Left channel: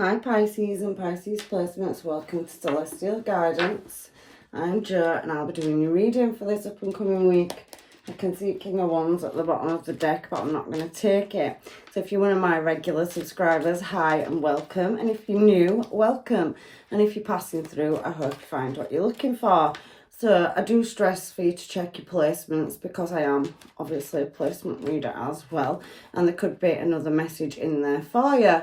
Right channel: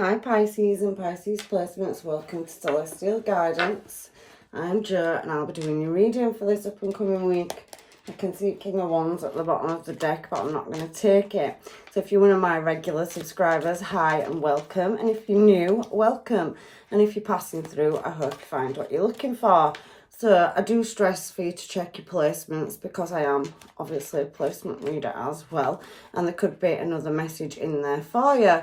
Hi Pisces and Pisces placements, welcome to Celestial Guidance. I'm Jo and I'll be doing your reading for this up and coming week. I can see King of Wands at the bottom of the deck, but I'm not going to take it. So if you're one of my regular subscribers, hi and welcome. And if you're new, welcome. And if you're passing through, I hope you find what you're looking for. So I do stress for you to check your placements because I am obviously a placement reader as well. And there could be another message in there for you,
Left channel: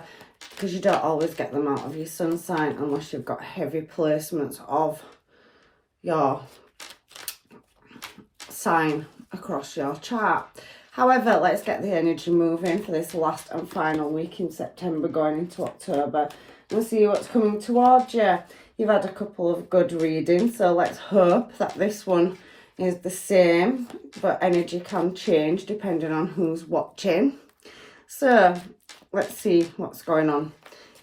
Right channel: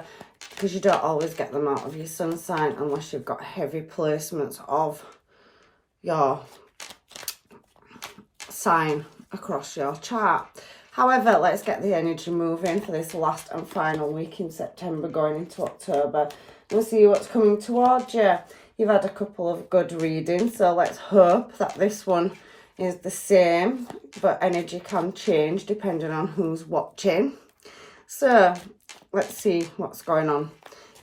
because you don't always get them out of your sun sign unless you've got heavy placements of your sign across your chart. However, let's get the energy moving for this last and final week in September going into October. We'll see what's coming towards you. You've had a couple of good readings, so let's hope that this one is the same, but energy can change depending on who's watching. So let's see what's going on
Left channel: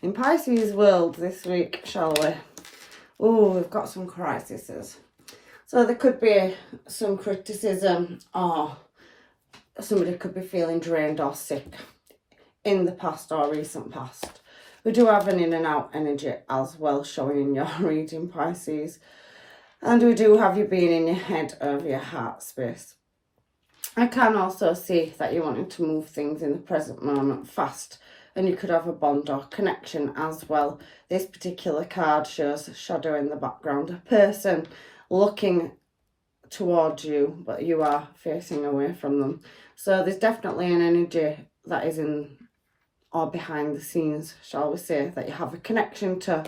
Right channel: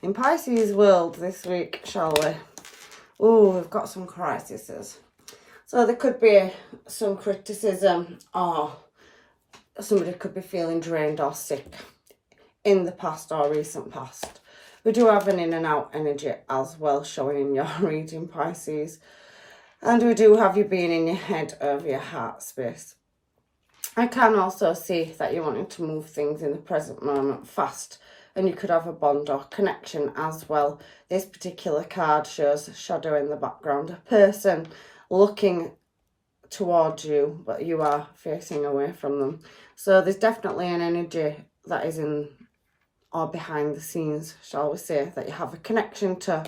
in Pisces world this week, shall we? Oh, we've got some crises. So there could be some criticism, or somebody could be feeling drained or sick in the past or recent past. We do have an in and out energy as well showing in your reading, Pisces. And we do have you being in your head over your heart space. I can also see that you're wanting to move things in the present moment fast, and you could have a bond or connection as well. This particular card shows a shadow in the background, a person looking towards you, but you are facing away from them. So there's definitely an energy that is in or behind the scenes, shall we say, that you have a connection to.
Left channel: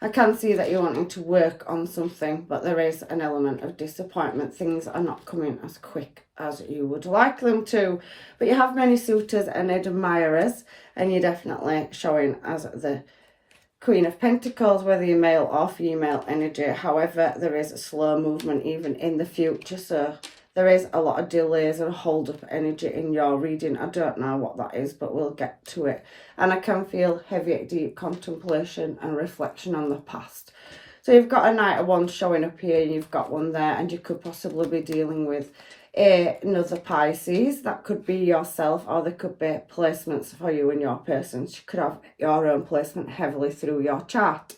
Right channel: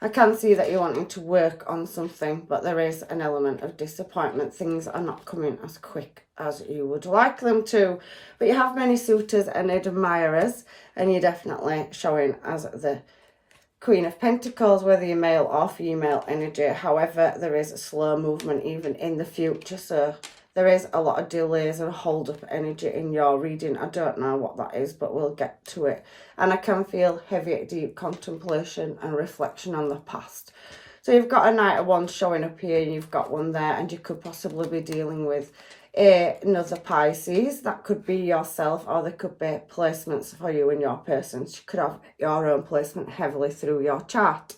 I can see that you're wanting to work on something, but there is an element of disappointment. Things are not coming as quick as you would like them to. But you have many suitors and admirers, and you're definitely showing as the Queen of Pentacles, whether you're male or female energy. However, there is a slow movement even in the future, so there is a lot of delays and hold-up energy in your reading. I don't know what that is, but we'll get to it. And I can feel heavy, deep contemplation and reflection on the past. So you've got a Knight of Wands showing up here, and you've got one there, and you could possibly be dealing with another Pisces. That could be yourself, or there could be placements for you and your person. You could have your own placement heavily through your chart.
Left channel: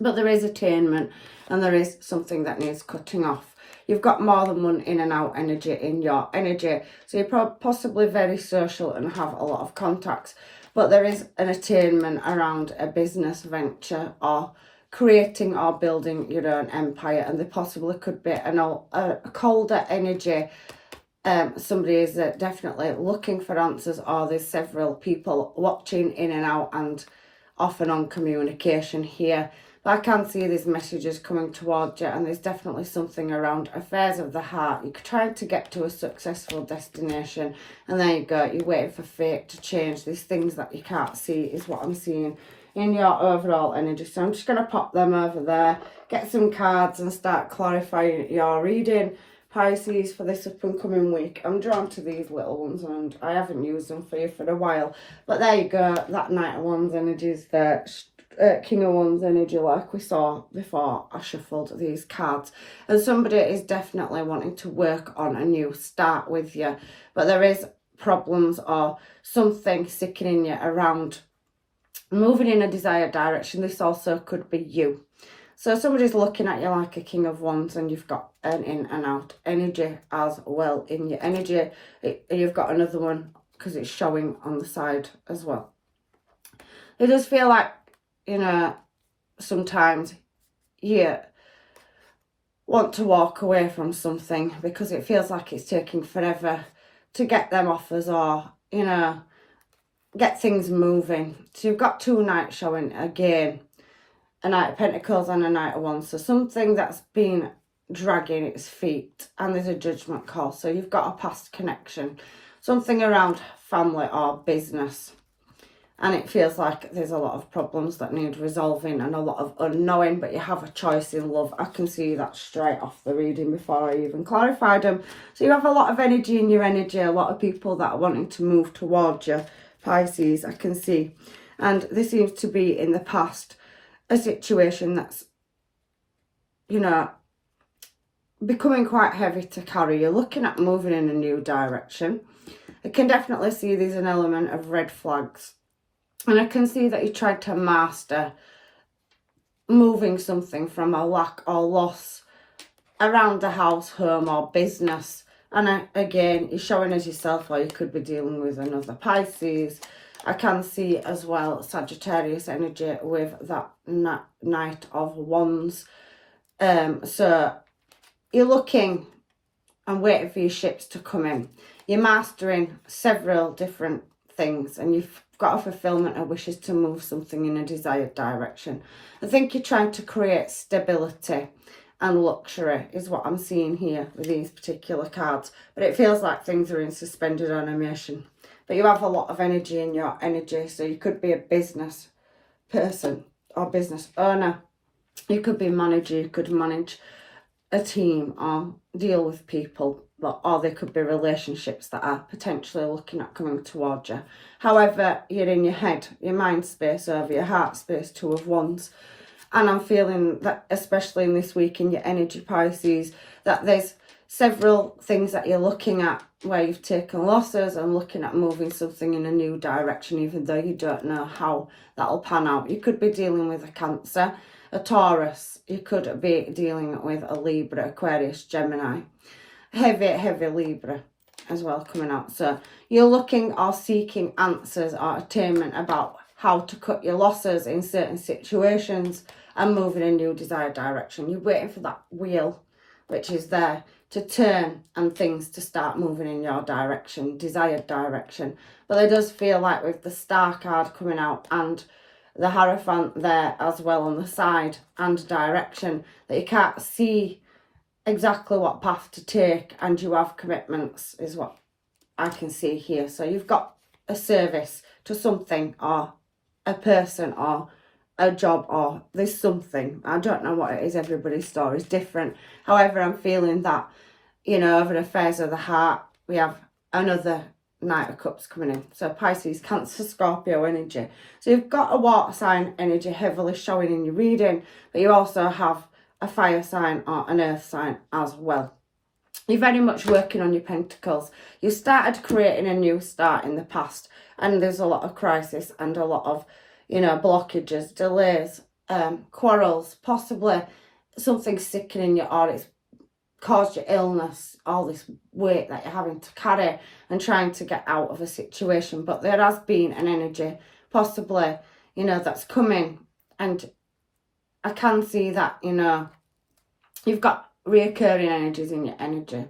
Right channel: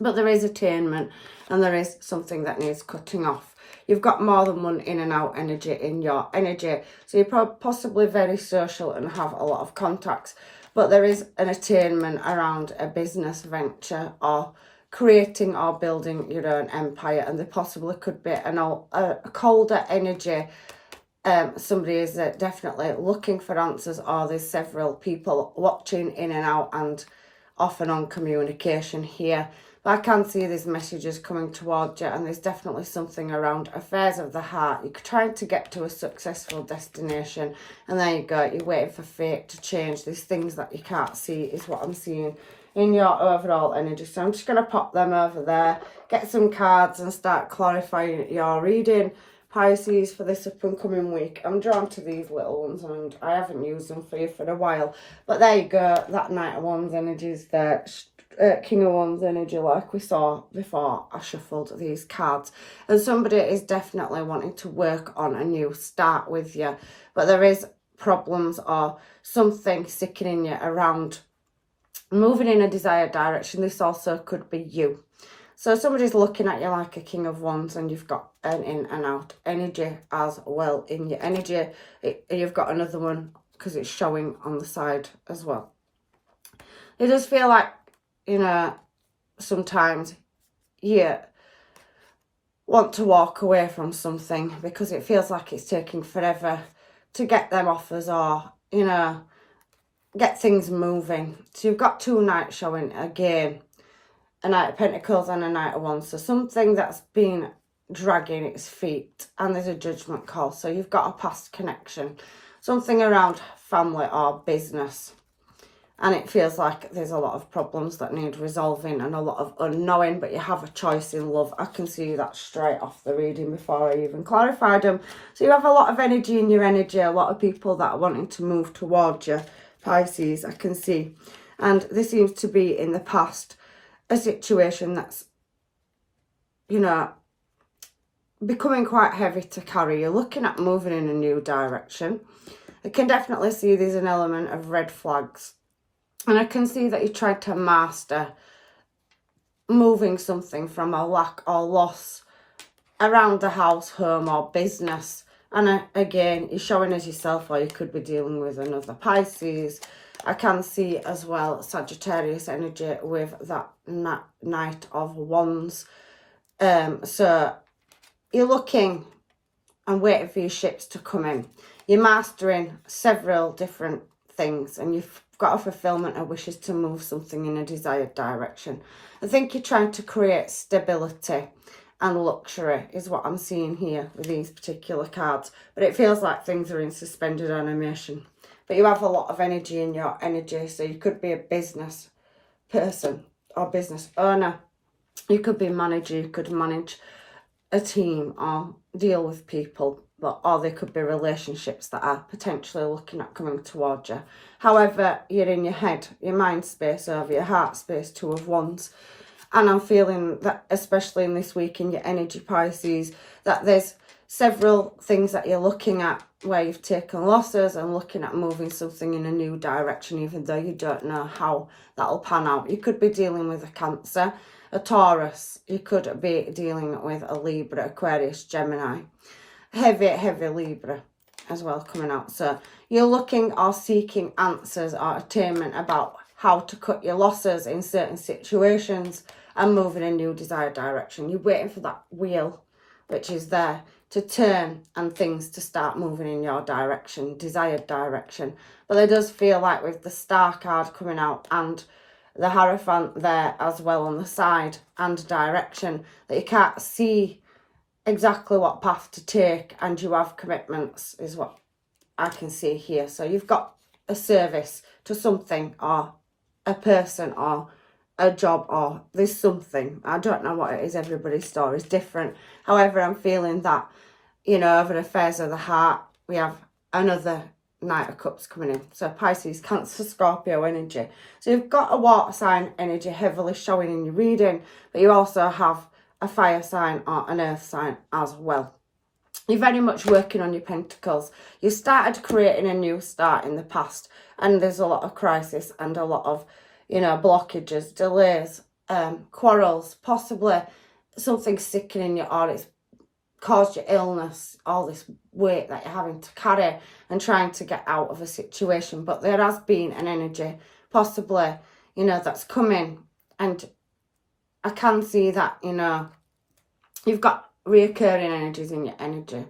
But there is attainment, and there is something that needs cutting off. You've got more than one in and out energy in your energy. So you're possibly very social and have a lot of contacts. But there is an attainment around a business venture or creating or building your own empire. And there possibly could be a colder energy. Somebody is definitely looking for answers, or there's several people watching in and out and off and on communication here. But I can see these messages coming towards you, and there's definitely something around affairs of the heart. You're trying to get to a successful destination, and there you go. You're waiting for fate to change. There's things that you can't see is what I'm seeing in your overall energy. So I'm just going to pop them over there, get some cards and start clarifying your reading, Pisces, for this up and coming week. I'm drawn to these little ones, and I haven't used them for you for a while. But there you go. That Knight of Wands energy is there. King of Wands energy, like we saw before I shuffled these cards. And somebody is definitely wanting to work on a new start with you, but there is problems or something sickening you around moving in a desired direction. This also could be you. So somebody's looking at you like a King of Wands, and you've got an in and out energy as well in your energy. You've got another one because it's showing on the side as well. It does feel like, you know, sometimes you want to walk away from something because it feels like it's taking forever to get them offers, or, you know, get things moving. So you've got two Knights showing again, a Knight of Pentacles and a Knight of Wands. So something that's been dragging its feet, and there's a judgment call. So you've got a past connection, something around family or business. And it feels like there's a lot of problems that need resolving and a lot of unknowing, but you have a choice in love. I can see that straight off the reading before I even clarified them. So you have a lot of energy in your energy, a lot of people that are wanting to move towards you, Pisces, I can see. And this seems to be in the past a situation that's, you know, becoming quite heavy to carry. You're looking at moving in a new direction. I can definitely see there's an element of red flags And I can see that you tried to master moving something from a lack or loss around the house, home or business. And again, you're showing as yourself, or you could be dealing with another Pisces. I can see as well Sagittarius energy with that Knight of Wands. So you're looking and waiting for your ships to come in. You're mastering several different things, and you've got a fulfillment of wishes to move something in a desired direction. I think you're trying to create stability and luxury is what I'm seeing here with these particular cards. But it feels like things are in suspended animation. But you have a lot of energy in your energy. So you could be a business person or business owner. You could be a manager. You could manage a team or deal with people. Or there could be relationships that are potentially looking at coming towards you. However, you're in your head, your mind space over your heart space, Two of Wands. And I'm feeling that, especially in this week in your energy, Pisces, that there's several things that you're looking at where you've taken losses and looking at moving something in a new direction, even though you don't know how that'll pan out. You could be dealing with a Cancer, a Taurus. You could be dealing with a Libra, Aquarius, Gemini. Heavy Libra as well coming out. So you're looking or seeking answers or attainment about how to cut your losses in certain situations and move in a new desired direction. You're waiting for that wheel, which is there, to turn and things to start moving in your direction, desired direction. But it does feel like with the Star card coming out and the Hierophant there as well on the side and direction, that you can't see exactly what path to take, and you have commitments is what I can see here. So you've got a service to something or a person or a job, or there's something. I don't know what it is. Everybody's story is different. However, I'm feeling that, you know, over affairs of the heart, we have another Knight of Cups coming in. So Pisces, Cancer, Scorpio energy. So you've got a water sign energy heavily showing in your reading, but you also have a fire sign or an earth sign as well. You're very much working on your pentacles. You started creating a new start in the past, and there's a lot of crisis and a lot of, you know, blockages, delays, quarrels, possibly something sickening you, or it's caused you illness, all this weight that you're having to carry and trying to get out of a situation. But there has been an energy, possibly, you know, that's coming, and I can see that, you know, you've got reoccurring energies in your energy.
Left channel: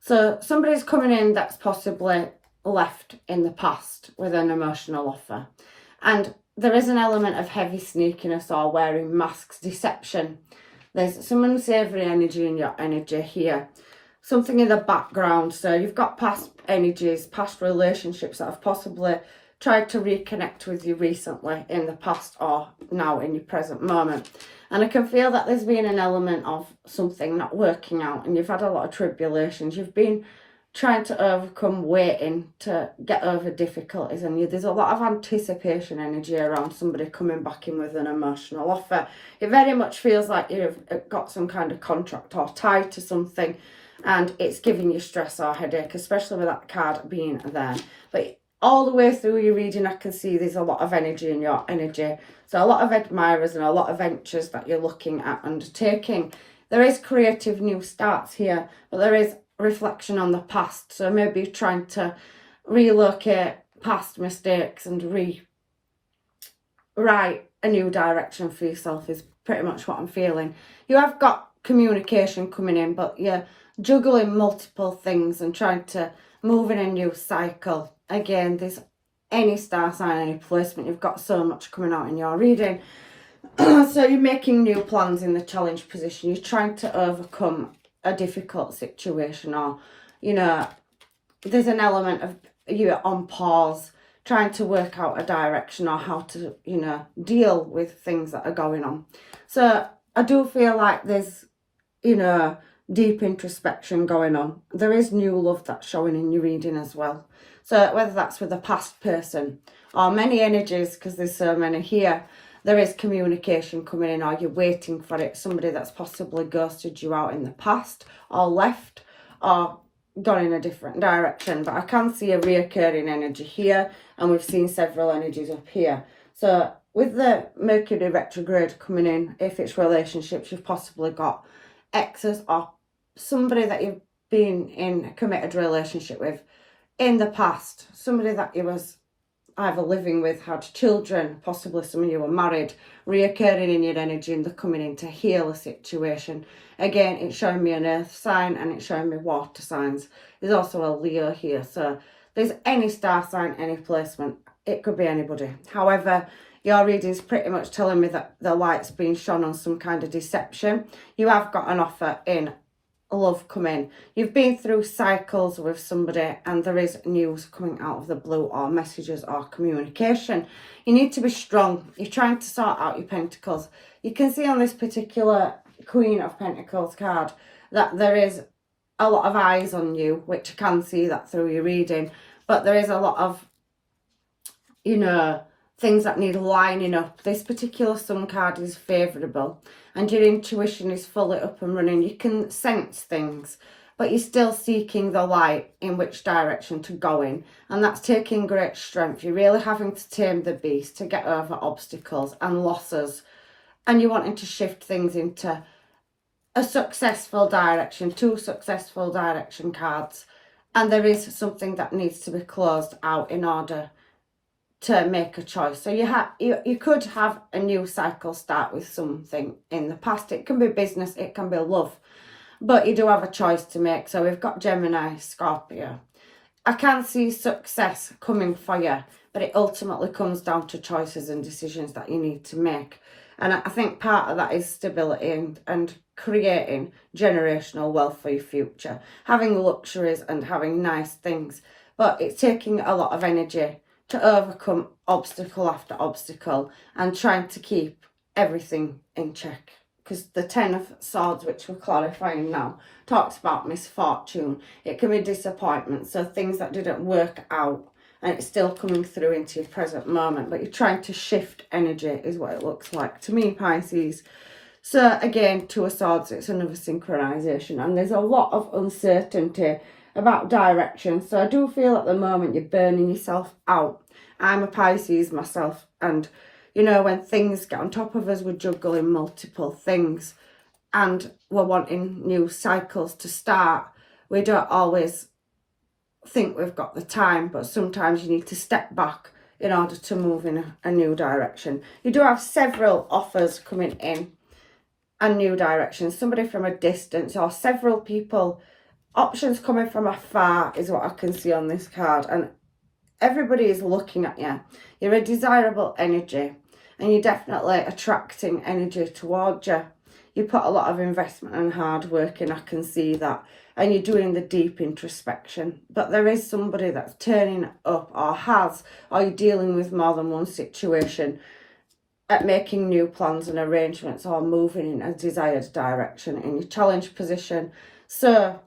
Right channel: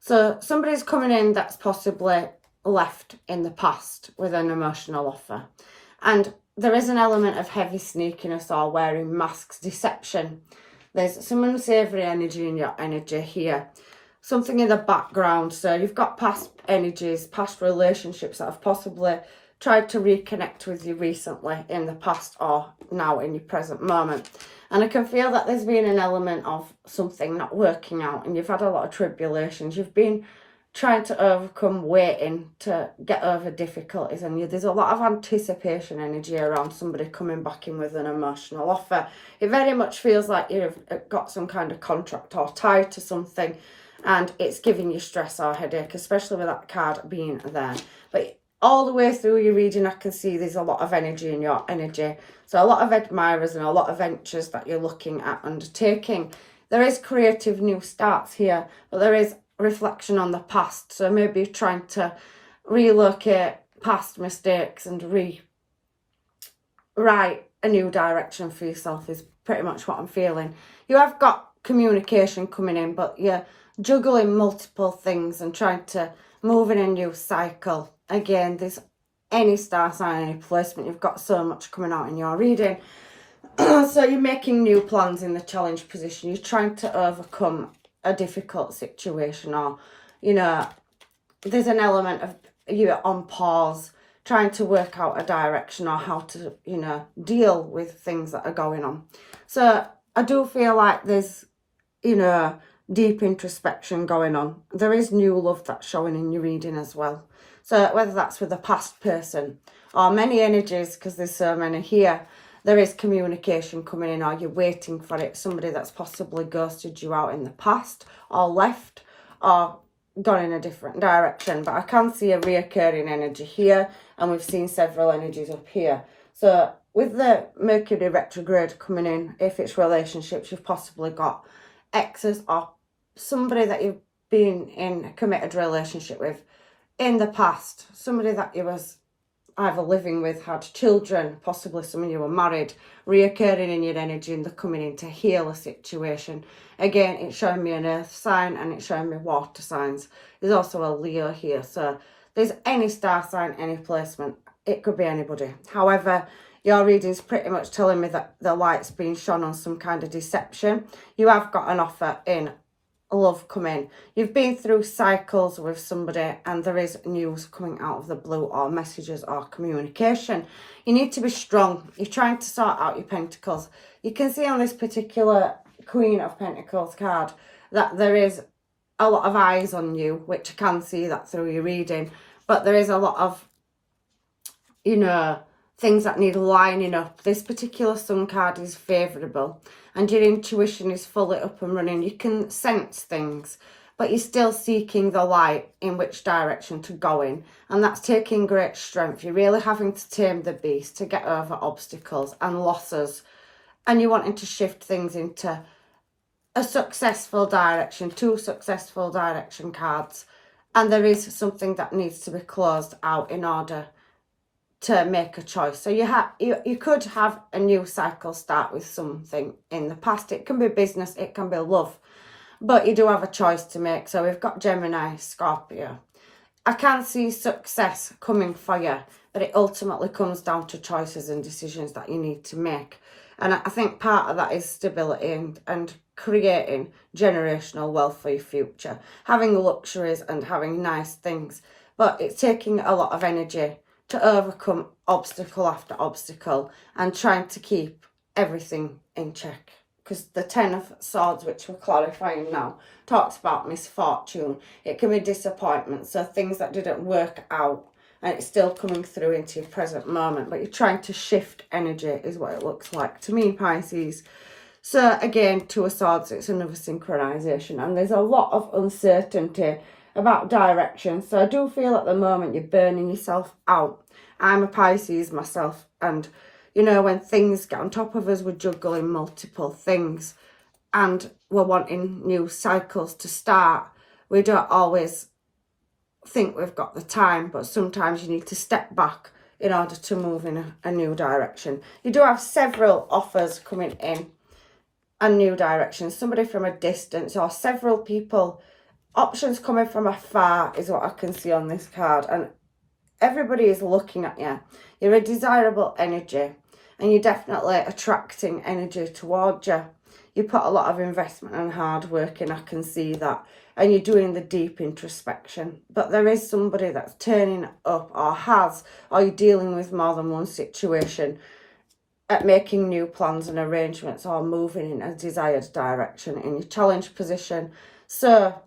So somebody's coming in that's possibly left in the past with an emotional offer. And there is an element of heavy sneakiness or wearing masks, deception. There's some unsavoury energy in your energy here. Something in the background. So you've got past energies, past relationships that have possibly tried to reconnect with you recently in the past or now in your present moment. And I can feel that there's been an element of something not working out, and you've had a lot of tribulations. You've been trying to overcome, waiting to get over difficulties, and there's a lot of anticipation energy around somebody coming back in with an emotional offer. It very much feels like you've got some kind of contract or tied to something, and it's giving you stress or headache, especially with that card being there. But all the way through your reading, I can see there's a lot of energy in your energy. So a lot of admirers and a lot of ventures that you're looking at undertaking. There is creative new starts here, but there is reflection on the past. So maybe you're trying to relocate past mistakes and rewrite a new direction for yourself is pretty much what I'm feeling. You have got communication coming in, but you're juggling multiple things and trying to move in a new cycle. Again, there's any star sign, any placement, you've got so much coming out in your reading. So you're making new plans in the challenge position. You're trying to overcome a difficult situation, or, you know, there's an element of you're on pause, trying to work out a direction or how to, you know, deal with things that are going on. So I do feel like there's, you know, deep introspection going on. There is new love that's showing in your reading as well. So whether that's with a past person or many energies, because there's so many here, there is communication coming in, or you're waiting for it. Somebody that's possibly ghosted you out in the past or left, or gone in a different direction, but I can see a reoccurring energy here, and we've seen several energies up here. So with the Mercury retrograde coming in, if it's relationships, you've possibly got exes or somebody that you've been in a committed relationship with in the past, somebody that you was either living with, had children, possibly some of you were married, reoccurring in your energy, and they're coming in to heal a situation. Again, it's showing me an earth sign and it's showing me water signs. There's also a Leo here, so there's any star sign, any placement. It could be anybody. However, your reading's pretty much telling me that the light's being shone on some kind of deception. You have got an offer in love coming. You've been through cycles with somebody and there is news coming out of the blue, or messages or communication. You need to be strong. You're trying to sort out your pentacles. You can see on this particular Queen of Pentacles card that there is a lot of eyes on you, which I can see that through your reading, but there is a lot of, you know, things that need lining up. This particular Sun card is favourable and your intuition is fully up and running. You can sense things, but you're still seeking the light in which direction to go in, and that's taking great strength. You're really having to tame the beast to get over obstacles and losses, and you're wanting to shift things into a successful direction, 2 successful direction cards, and there is something that needs to be closed out in order to make a choice. So you could have a new cycle start with something in the past. It can be business, it can be love, but you do have a choice to make. So we've got Gemini, Scorpio. I can see success coming for you, but it ultimately comes down to choices and decisions that you need to make. And I think part of that is stability and creating generational wealth for your future, having luxuries and having nice things. But it's taking a lot of energy to overcome obstacle after obstacle and trying to keep everything in check. Because the 10 of Swords, which we're clarifying now, talks about misfortune. It can be disappointment, so things that didn't work out, and it's still coming through into your present moment, but you're trying to shift energy is what it looks like to me, Pisces. So again, 2 of Swords, it's another synchronization, and there's a lot of uncertainty about direction. So I do feel at the moment you're burning yourself out. I'm a Pisces myself, and you know, when things get on top of us, we're juggling multiple things and we're wanting new cycles to start. We don't always think we've got the time, but sometimes you need to step back in order to move in a new direction. You do have several offers coming in and new directions, somebody from a distance or several people. Options coming from afar is what I can see on this card, and everybody is looking at you. You're a desirable energy and you're definitely attracting energy towards you. You put a lot of investment and hard work in, I can see that, and you're doing the deep introspection. But there is somebody that's turning up or you're dealing with more than one situation at making new plans and arrangements or moving in a desired direction in your challenge position. So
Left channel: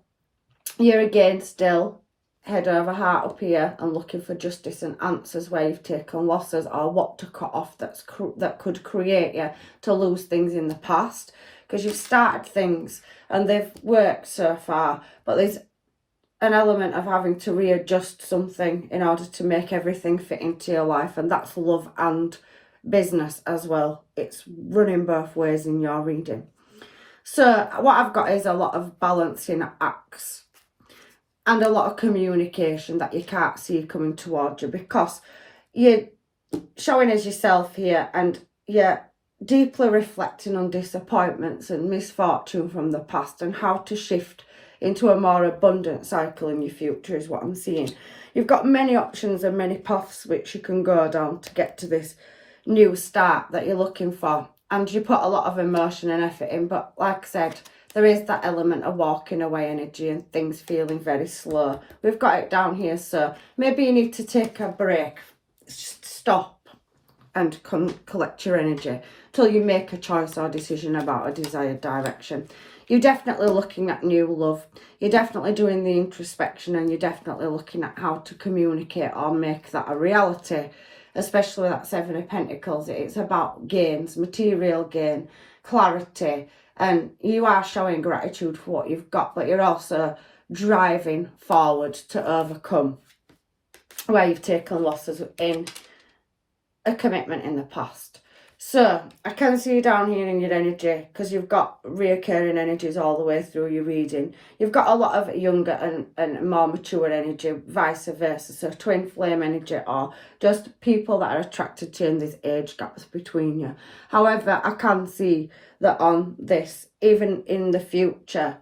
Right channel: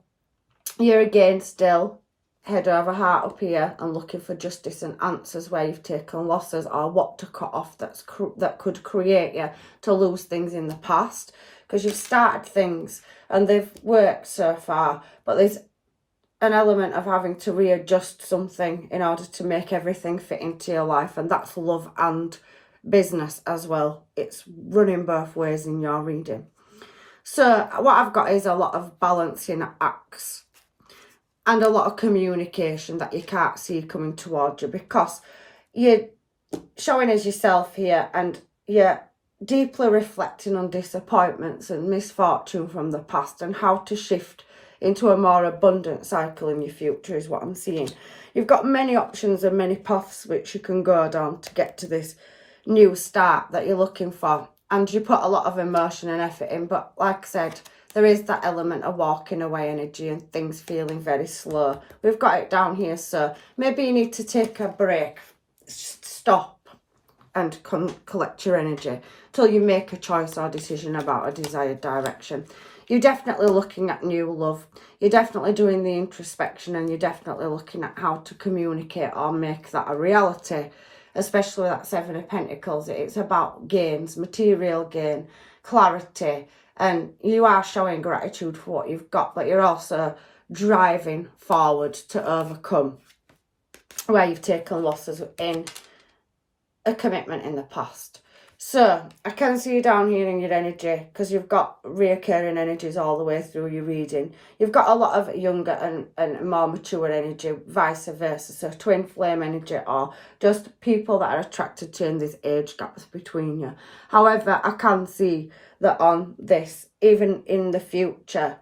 you're again still head over heart up here and looking for justice and answers where you've taken losses or what to cut off that could create you to lose things in the past, because you've started things and they've worked so far, but there's an element of having to readjust something in order to make everything fit into your life, and that's love and business as well. It's running both ways in your reading. So what I've got is a lot of balancing acts and a lot of communication that you can't see coming towards you, because you're showing as yourself here and you're deeply reflecting on disappointments and misfortune from the past and how to shift into a more abundant cycle in your future is what I'm seeing. You've got many options and many paths which you can go down to get to this new start that you're looking for, and you put a lot of emotion and effort in, but like I said, there is that element of walking away energy and things feeling very slow. We've got it down here, so maybe you need to take a break, stop and collect your energy till you make a choice or decision about a desired direction. You're definitely looking at new love. You're definitely doing the introspection, and you're definitely looking at how to communicate or make that a reality, especially that 7 of Pentacles. It's about gains, material gain, clarity, and you are showing gratitude for what you've got, but you're also driving forward to overcome where you've taken losses in a commitment in the past. So I can see you down here in your energy, because you've got reoccurring energies all the way through your reading. You've got a lot of younger and more mature energy, vice versa. So twin flame energy, or just people that are attracted to you, and there's age gaps between you. However, I can see that on this, even in the future,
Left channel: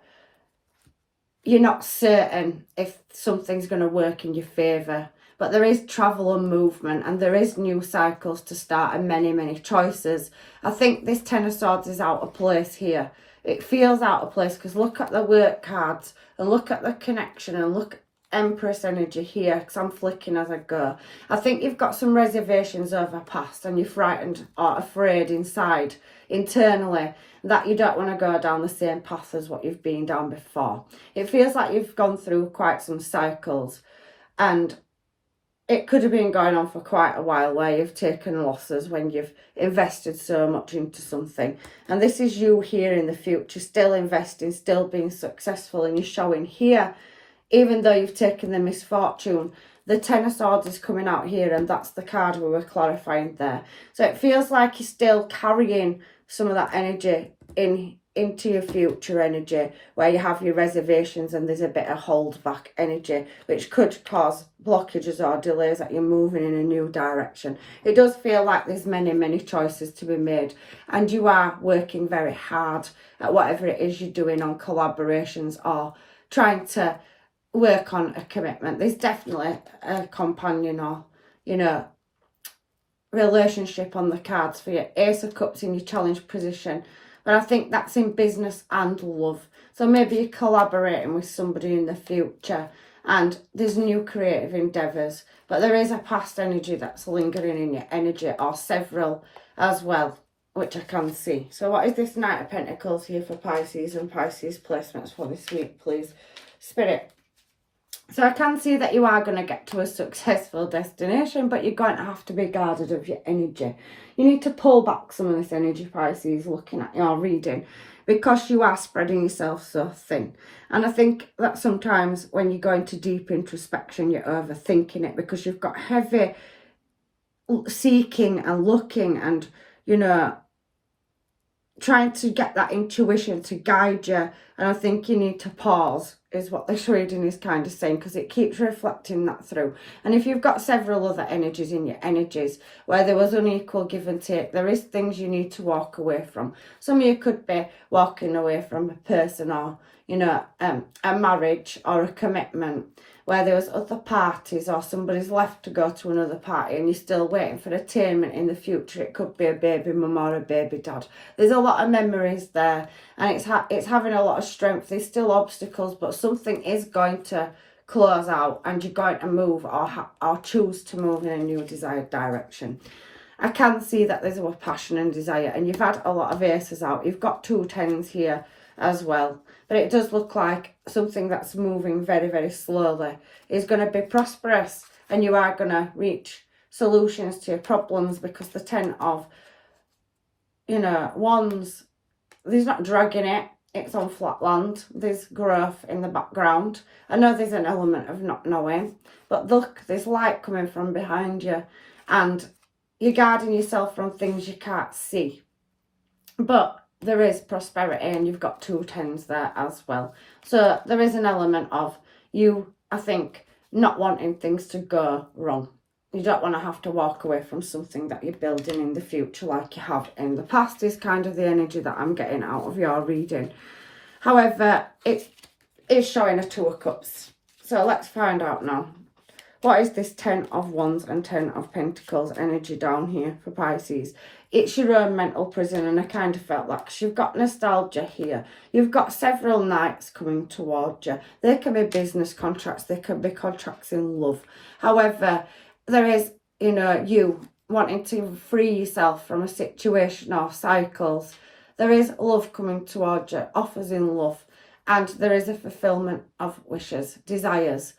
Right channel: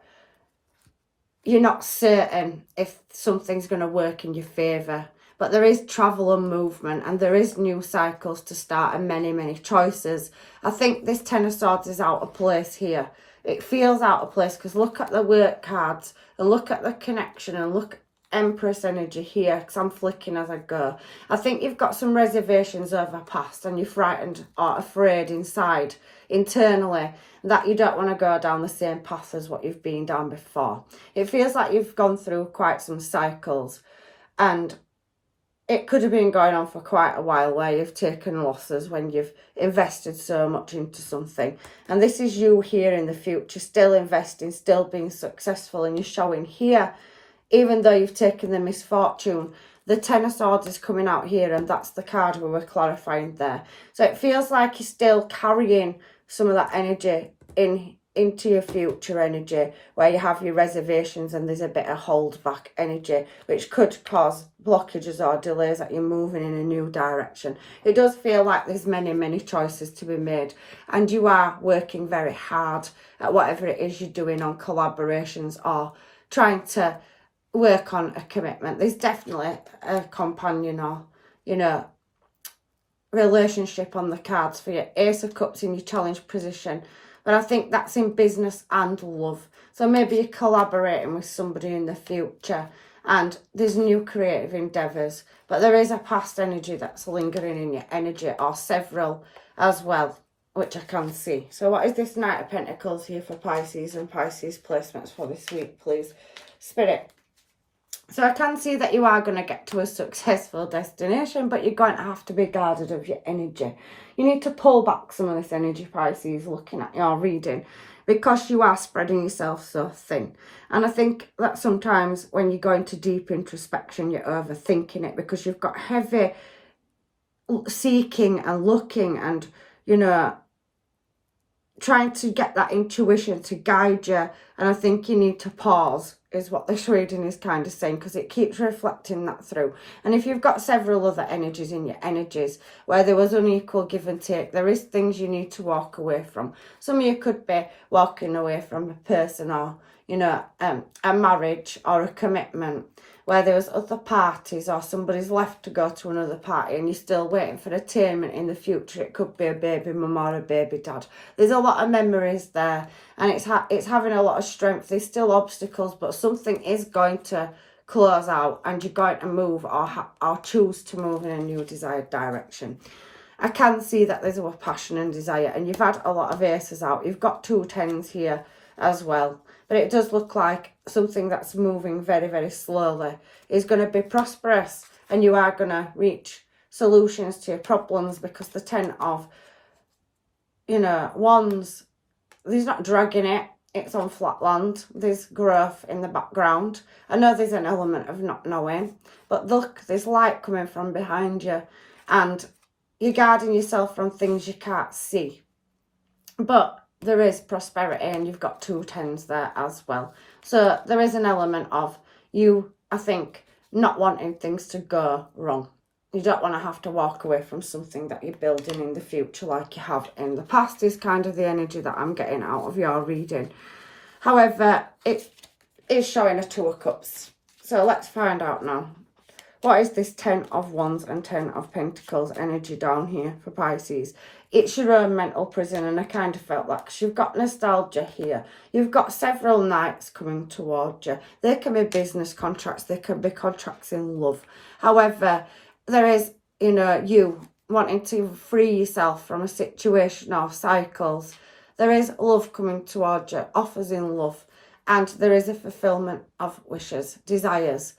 you're not certain if something's going to work in your favour. But there is travel and movement, and there is new cycles to start, and many, many choices. I think this Ten of Swords is out of place here. It feels out of place, because look at the work cards, and look at the connection, and look at Empress energy here, because I'm flicking as I go. I think you've got some reservations over past, and you're frightened or afraid inside, internally, that you don't want to go down the same path as what you've been down before. It feels like you've gone through quite some cycles, and it could have been going on for quite a while, where you've taken losses when you've invested so much into something. And this is you here in the future, still investing, still being successful. And you're showing here, even though you've taken the misfortune, the Ten of Swords is coming out here, and that's the card we were clarifying there. So it feels like you're still carrying some of that energy into your future energy, where you have your reservations and there's a bit of hold back energy, which could cause blockages or delays that you're moving in a new direction. It does feel like there's many, many choices to be made, and you are working very hard at whatever it is you're doing on collaborations or trying to work on a commitment. There's definitely a companion or, you know, relationship on the cards for you. Ace of Cups in your challenge position. But I think that's in business and love. So maybe you're collaborating with somebody in the future, and there's new creative endeavours. But there is a past energy that's lingering in your energy, or several as well, which I can see. So what is this Knight of Pentacles here for Pisces and Pisces placements for this week, please? Spirit. So I can see that you are going to get to a successful destination, but you're going to have to be guarded of your energy. You need to pull back some of this energy, Pisces, looking at your reading, because you are spreading yourself so thin. And I think that sometimes when you go into deep introspection, you're overthinking it, because you've got heavy seeking and looking and, you know, trying to get that intuition to guide you. And I think you need to pause, is what this reading is kind of saying, because it keeps reflecting that through. And if you've got several other energies in your energies where there was unequal give and take, there is things you need to walk away from. Some of you could be walking away from a person, or, you know, a marriage or a commitment where there was other parties, or somebody's left to go to another party and you're still waiting for attainment in the future. It could be a baby mum or a baby dad. There's a lot of memories there, and it's having a lot of strength. There's still obstacles, but something is going to close out, and you're going to move or choose to move in a new desired direction. I can see that there's a passion and desire, and you've had a lot of aces out. You've got 2 tens here as well. But it does look like something that's moving very, very slowly is going to be prosperous, and you are going to reach solutions to your problems, because the 10 of, you know, wands, there's not dragging it. It's on flat land. There's growth in the background. I know there's an element of not knowing, but look, there's light coming from behind you, and you're guarding yourself from things you can't see. But there is prosperity, and you've got 2 tens there as well. So there is an element of you, I think, not wanting things to go wrong. You don't want to have to walk away from something that you're building in the future like you have in the past, is kind of the energy that I'm getting out of your reading. However, it is showing a 2 of Cups. So let's find out now. What is this 10 of Wands and 10 of Pentacles energy down here for Pisces? It's your own mental prison, and I kind of felt that, because you've got nostalgia here. You've got several knights coming towards you. They can be business contracts. They can be contracts in love. However, there is, you know, you wanting to free yourself from a situation or cycles. There is love coming towards you, offers in love, and there is a fulfillment of wishes, desires.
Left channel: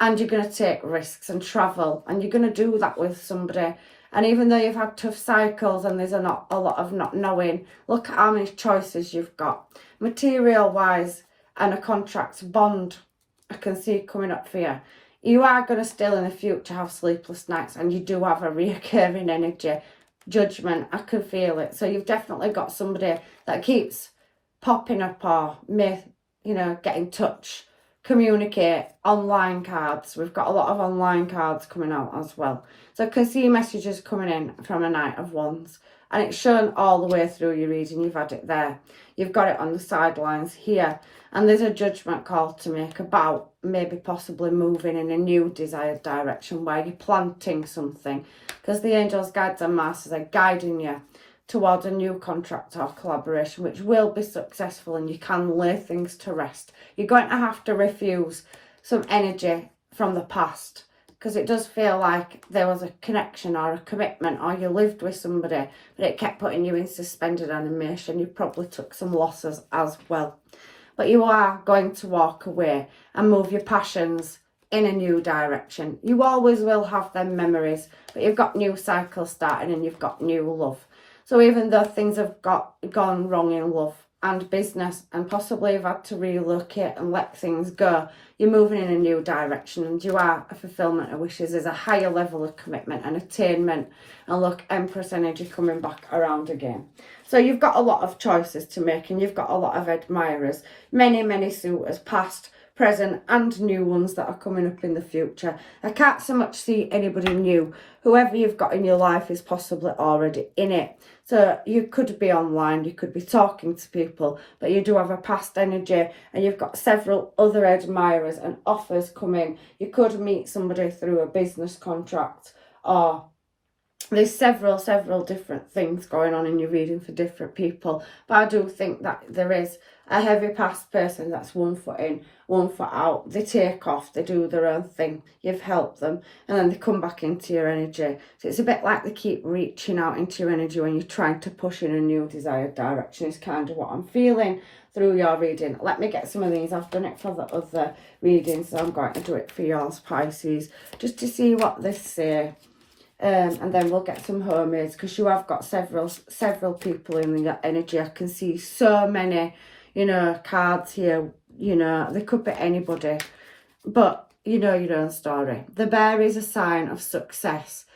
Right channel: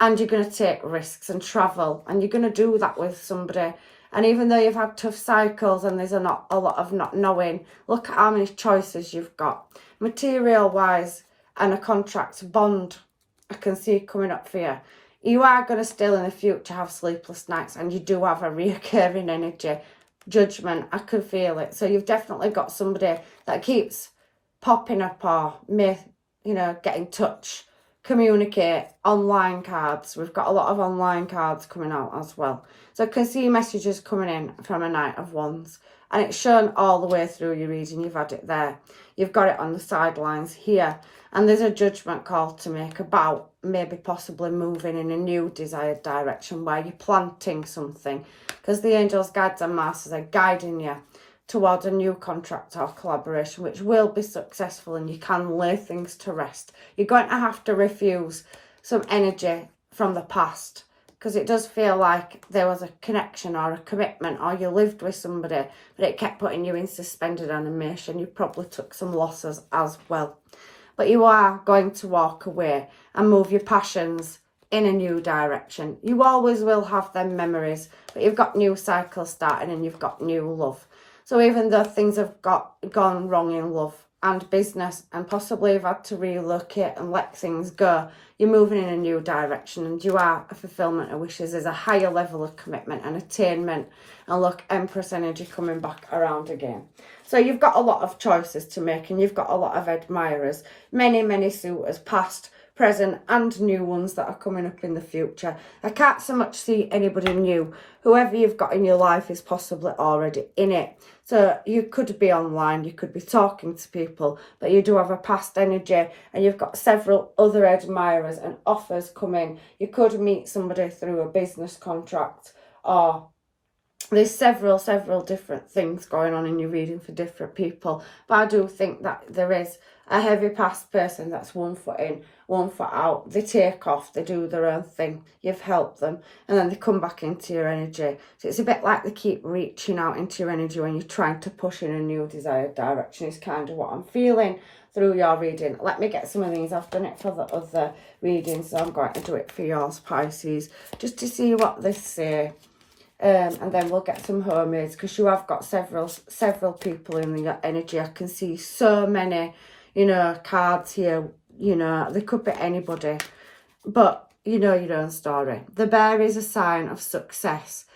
And you're going to take risks and travel, and you're going to do that with somebody. And even though you've had tough cycles and there's a lot of not knowing, look at how many choices you've got. Material-wise, and a contract bond I can see coming up for you. You are going to still in the future have sleepless nights, and you do have a reoccurring energy. Judgment, I can feel it. So you've definitely got somebody that keeps popping up or may, you know, get in touch, communicate, online cards. We've got a lot of online cards coming out as well. So I can see messages coming in from a Knight of Wands, and it's shown all the way through your reading. You've had it there. You've got it on the sidelines here. And there's a judgment call to make about maybe possibly moving in a new desired direction where you're planting something. Because the angels, guides and masters are guiding you towards a new contract or collaboration which will be successful, and you can lay things to rest. You're going to have to refuse some energy from the past, because it does feel like there was a connection or a commitment, or you lived with somebody but it kept putting you in suspended animation. You probably took some losses as well. But you are going to walk away and move your passions in a new direction. You always will have them memories, but you've got new cycles starting and you've got new love. So even though things have gone wrong in love and business, and possibly you've had to relocate and let things go, you're moving in a new direction, and you are a fulfillment of wishes. There's a higher level of commitment and attainment. And look, Empress energy coming back around again. So you've got a lot of choices to make, and you've got a lot of admirers, many suitors, past, present and new ones that are coming up in the future. I can't so much see anybody new. Whoever you've got in your life is possibly already in it. So you could be online, you could be talking to people, but you do have a past energy, and you've got several other admirers and offers coming. You could meet somebody through a business contract, or there's several different things going on in your reading for different people. But I do think that there is a heavy past person that's 1 foot in, 1 foot out. They take off, they do their own thing. You've helped them, and then they come back into your energy. So it's a bit like they keep reaching out into your energy when you're trying to push in a new desired direction, is kind of what I'm feeling through your reading. Let me get some of these. I've done it for the other readings, so I'm going to do it for yours, Pisces, just to see what they say. And then we'll get some homemades, because you have got several people in your energy. I can see so many, you know, cards here. You know, they could be anybody, but you know your own story. The bear is a sign of success,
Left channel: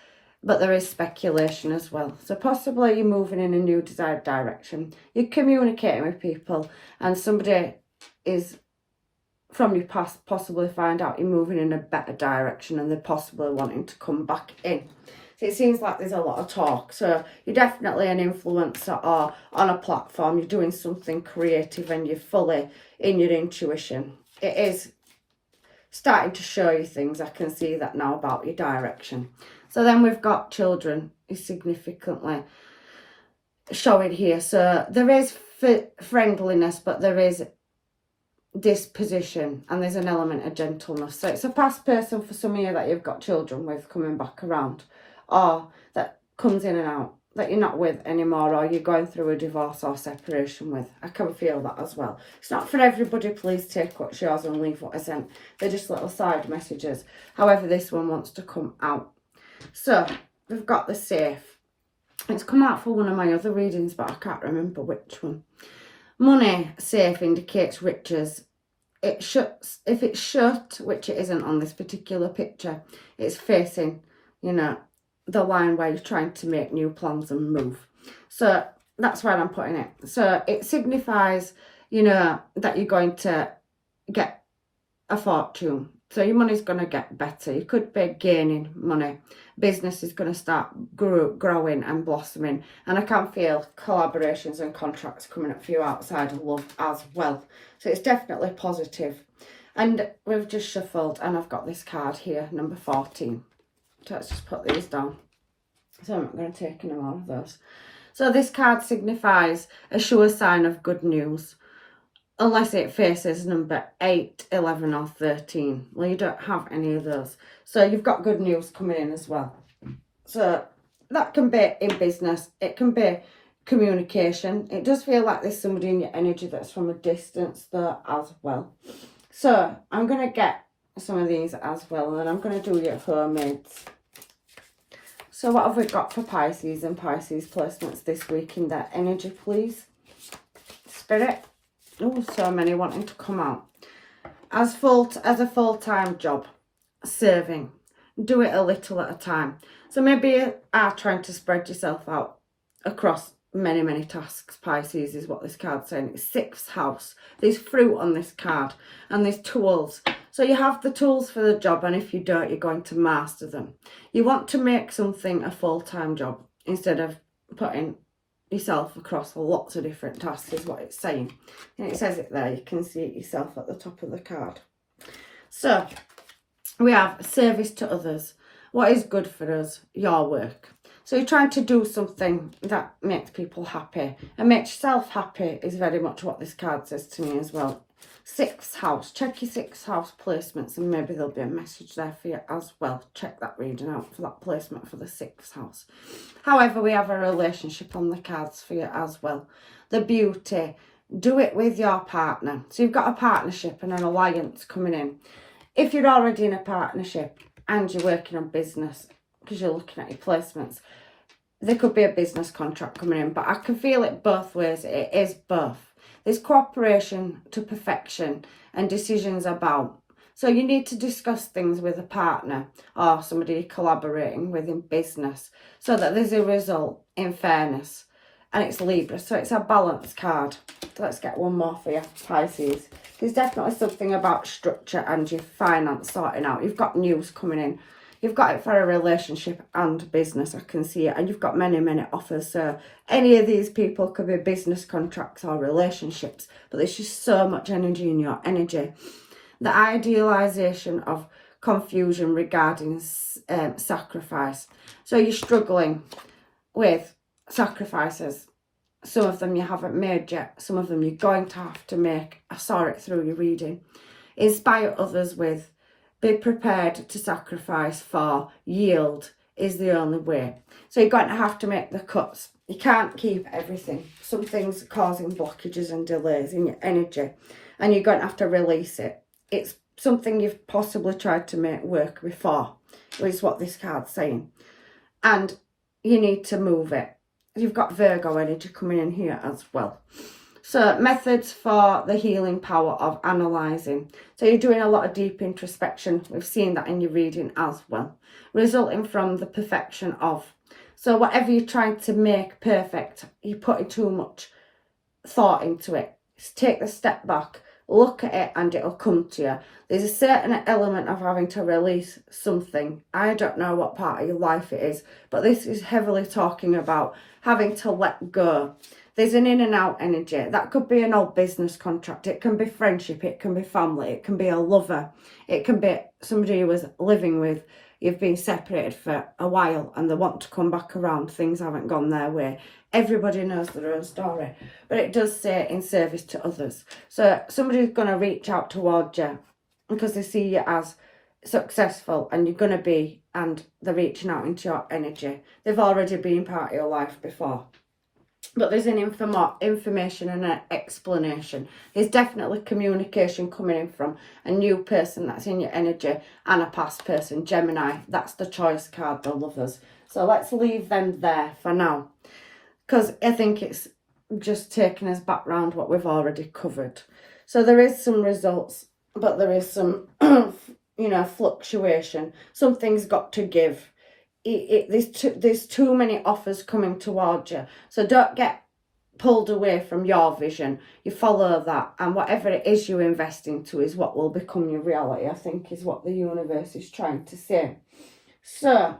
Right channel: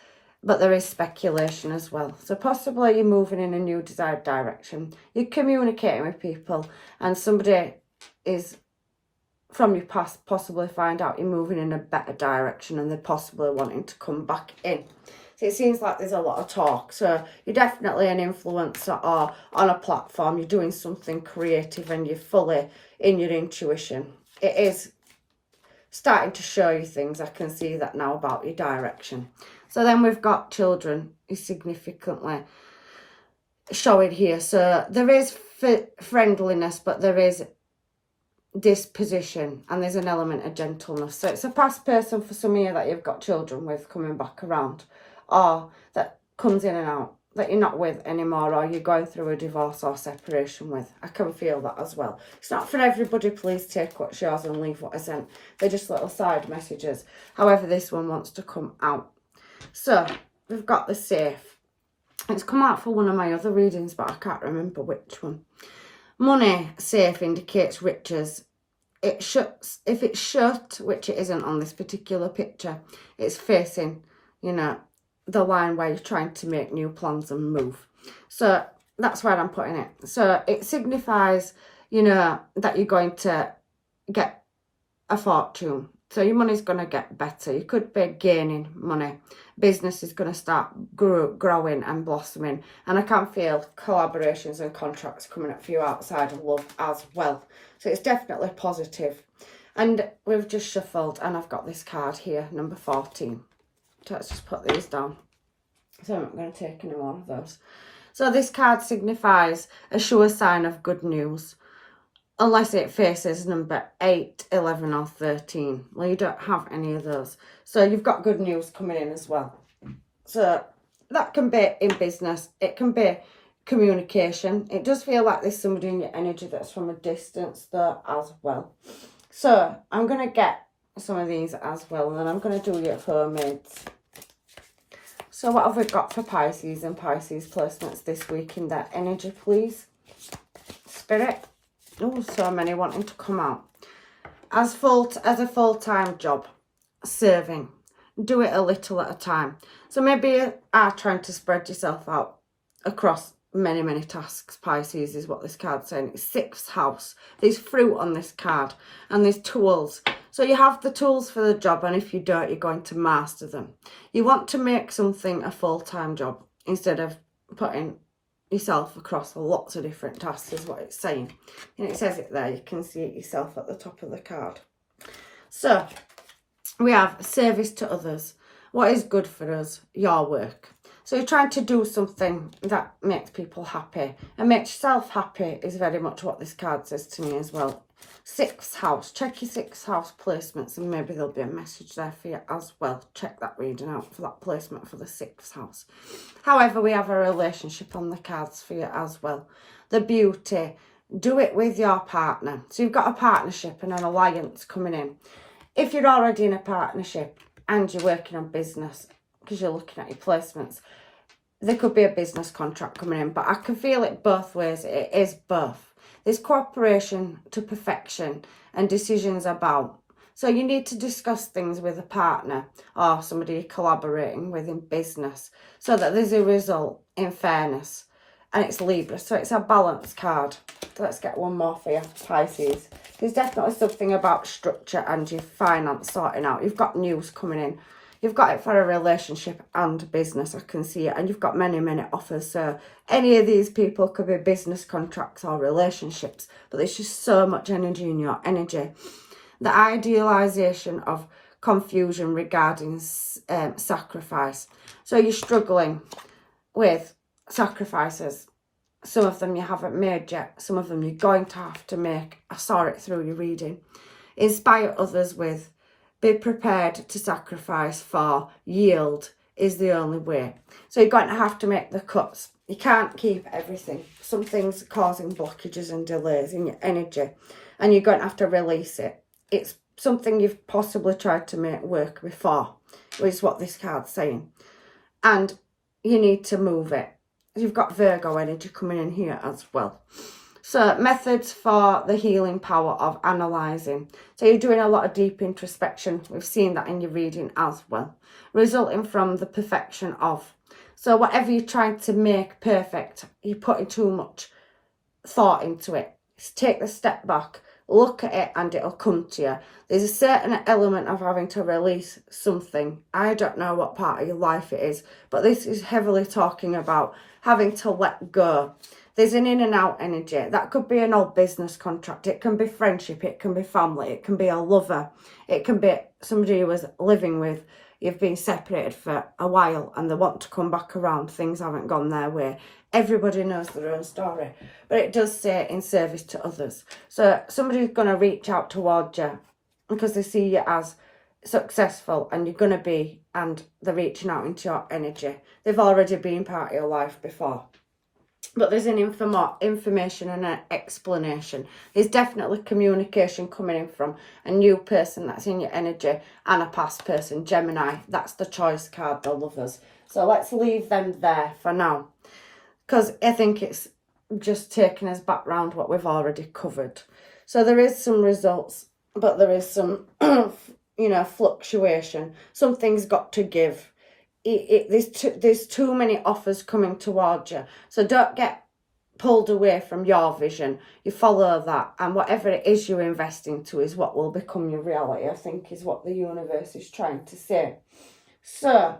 but there is speculation as well. So possibly you're moving in a new desired direction. You're communicating with people, and somebody is from your past possibly find out you're moving in a better direction, and they're possibly wanting to come back in. So it seems like there's a lot of talk. So you're definitely an influencer or on a platform. You're doing something creative, and you're fully in your intuition. It is starting to show you things. I can see that now about your direction. So then we've got children is significantly showing here. So there is friendliness, but there is disposition, and there's an element of gentleness. So it's a past person for some of you that you've got children with coming back around, or that comes in and out, that you're not with anymore, or you're going through a divorce or separation with. I can feel that as well. It's not for everybody. Please take what's yours and leave what isn't. They're just little side messages. However, this one wants to come out. So we've got the safe. It's come out for one of my other readings, but I can't remember which one. Money safe indicates riches. It shuts. If it's shut, which it isn't on this particular picture, it's facing, you know, the line where you're trying to make new plans and move. So that's where I'm putting it. So it signifies, you know, that you're going to get a fortune. So your money's going to get better. You could be gaining money. Business is going to start growing and blossoming. And I can feel collaborations and contracts coming up for you outside of love as well. So it's definitely positive. And we've just shuffled, and I've got this card here, number 14. So let's just put these down. So I'm not going to take any more of those. So this card signifies a sure sign of good news, unless it faces number 8, 11 or 13. Well, you don't have any of those. So you've got good news coming in as well. So that can be in business. It can be communication. It does feel like there's somebody in your energy that's from a distance though as well. So I'm going to get some of these as well, and then I'm going to do your homemades. So what have we got for Pisces and Pisces placements this week in their energy, please? Spirit. Oh, so many wanting to come out. as a full-time job, serving. Do it a little at a time. So maybe you are trying to spread yourself out across many tasks. Pisces is what this card's saying. It's 6th house. There's fruit on this card and there's tools. So you have the tools for the job, and if you don't, you're going to master them. You want to make something a full-time job instead of putting yourself across lots of different tasks, is what it's saying. And it says it there. You can see it yourself at the top of the card. So we have service to others. What is good for us? Your work. So you're trying to do something that makes people happy and makes yourself happy is very much what this card says to me as well. 6th house. Check your 6th house placements and maybe there'll be a message there for you as well. Check that reading out for that placement for the 6th house. However, we have a relationship on the cards for you as well. The beauty. Do it with your partner. So you've got a partnership and an alliance coming in. If you're already in a partnership and you're working on business, because you're looking at your placements, there could be a business contract coming in, but I can feel it both ways. It is both. There's cooperation to perfection and decisions about. So you need to discuss things with a partner or somebody you're collaborating with in business so that there's a result in fairness. And it's Libra, so it's a balance card. So let's get one more for you, Pisces. There's definitely something about structure and your finance sorting out. You've got news coming in. You've got it for a relationship and business, I can see it. And you've got many offers. So any of these people could be business contracts or relationships. But there's just so much energy in your energy. The idealisation of confusion regarding sacrifice. So you're struggling with sacrifices. Some of them you haven't made yet. Some of them you're going to have to make. I saw it through your reading. Inspire others with. Be prepared to sacrifice for. Yield is the only way. So you're going to have to make the cuts. You can't keep everything. Some things causing blockages and delays in your energy. And you're going to have to release it. It's something you've possibly tried to make work before, is what this card's saying. And you need to move it. You've got Virgo energy coming in here as well. So methods for the healing power of analysing. So you're doing a lot of deep introspection. We've seen that in your reading as well. Resulting from the perfection of. So whatever you're trying to make perfect, you're putting too much thought into it. Just take the step back, look at it and it'll come to you. There's a certain element of having to release something. I don't know what part of your life it is, but this is heavily talking about having to let go. There's an in and out energy. That could be an old business contract. It can be friendship. It can be family. It can be a lover. It can be somebody who was living with. You've been separated for a while and they want to come back around. Things haven't gone their way. Everybody knows their own story. But it does say in service to others. So somebody's going to reach out towards you because they see you as successful and you're going to be, and they're reaching out into your energy. They've already been part of your life before. But there's an information and an explanation. There's definitely communication coming in from a new person that's in your energy and a past person, Gemini. That's the choice card, the lovers. So let's leave them there for now. Because I think it's just taking us back round what we've already covered. So there is some results, but there is some, fluctuation. Something's got to give. There's too many offers coming towards you, so don't get pulled away from your vision. You follow that, and whatever it is you invest into is what will become your reality, I think, is what the universe is trying to say. So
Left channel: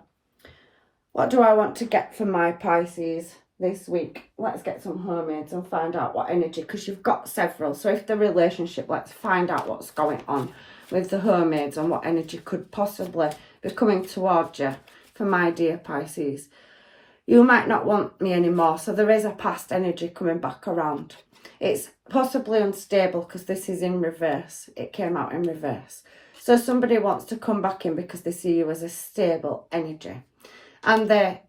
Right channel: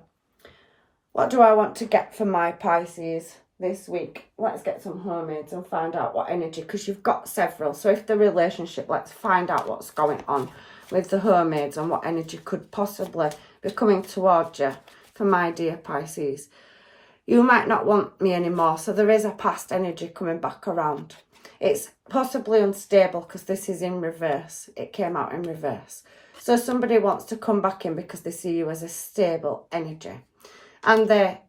what do I want to get for my Pisces this week? Let's get some homemades and find out what energy, because you've got several. So if the relationship, let's find out what's going on with the homemades and what energy could possibly be coming towards you. For my dear Pisces, you might not want me anymore, so there is a past energy coming back around. It's possibly unstable because this is in reverse. It came out in reverse. So somebody wants to come back in because they see you as a stable energy. And they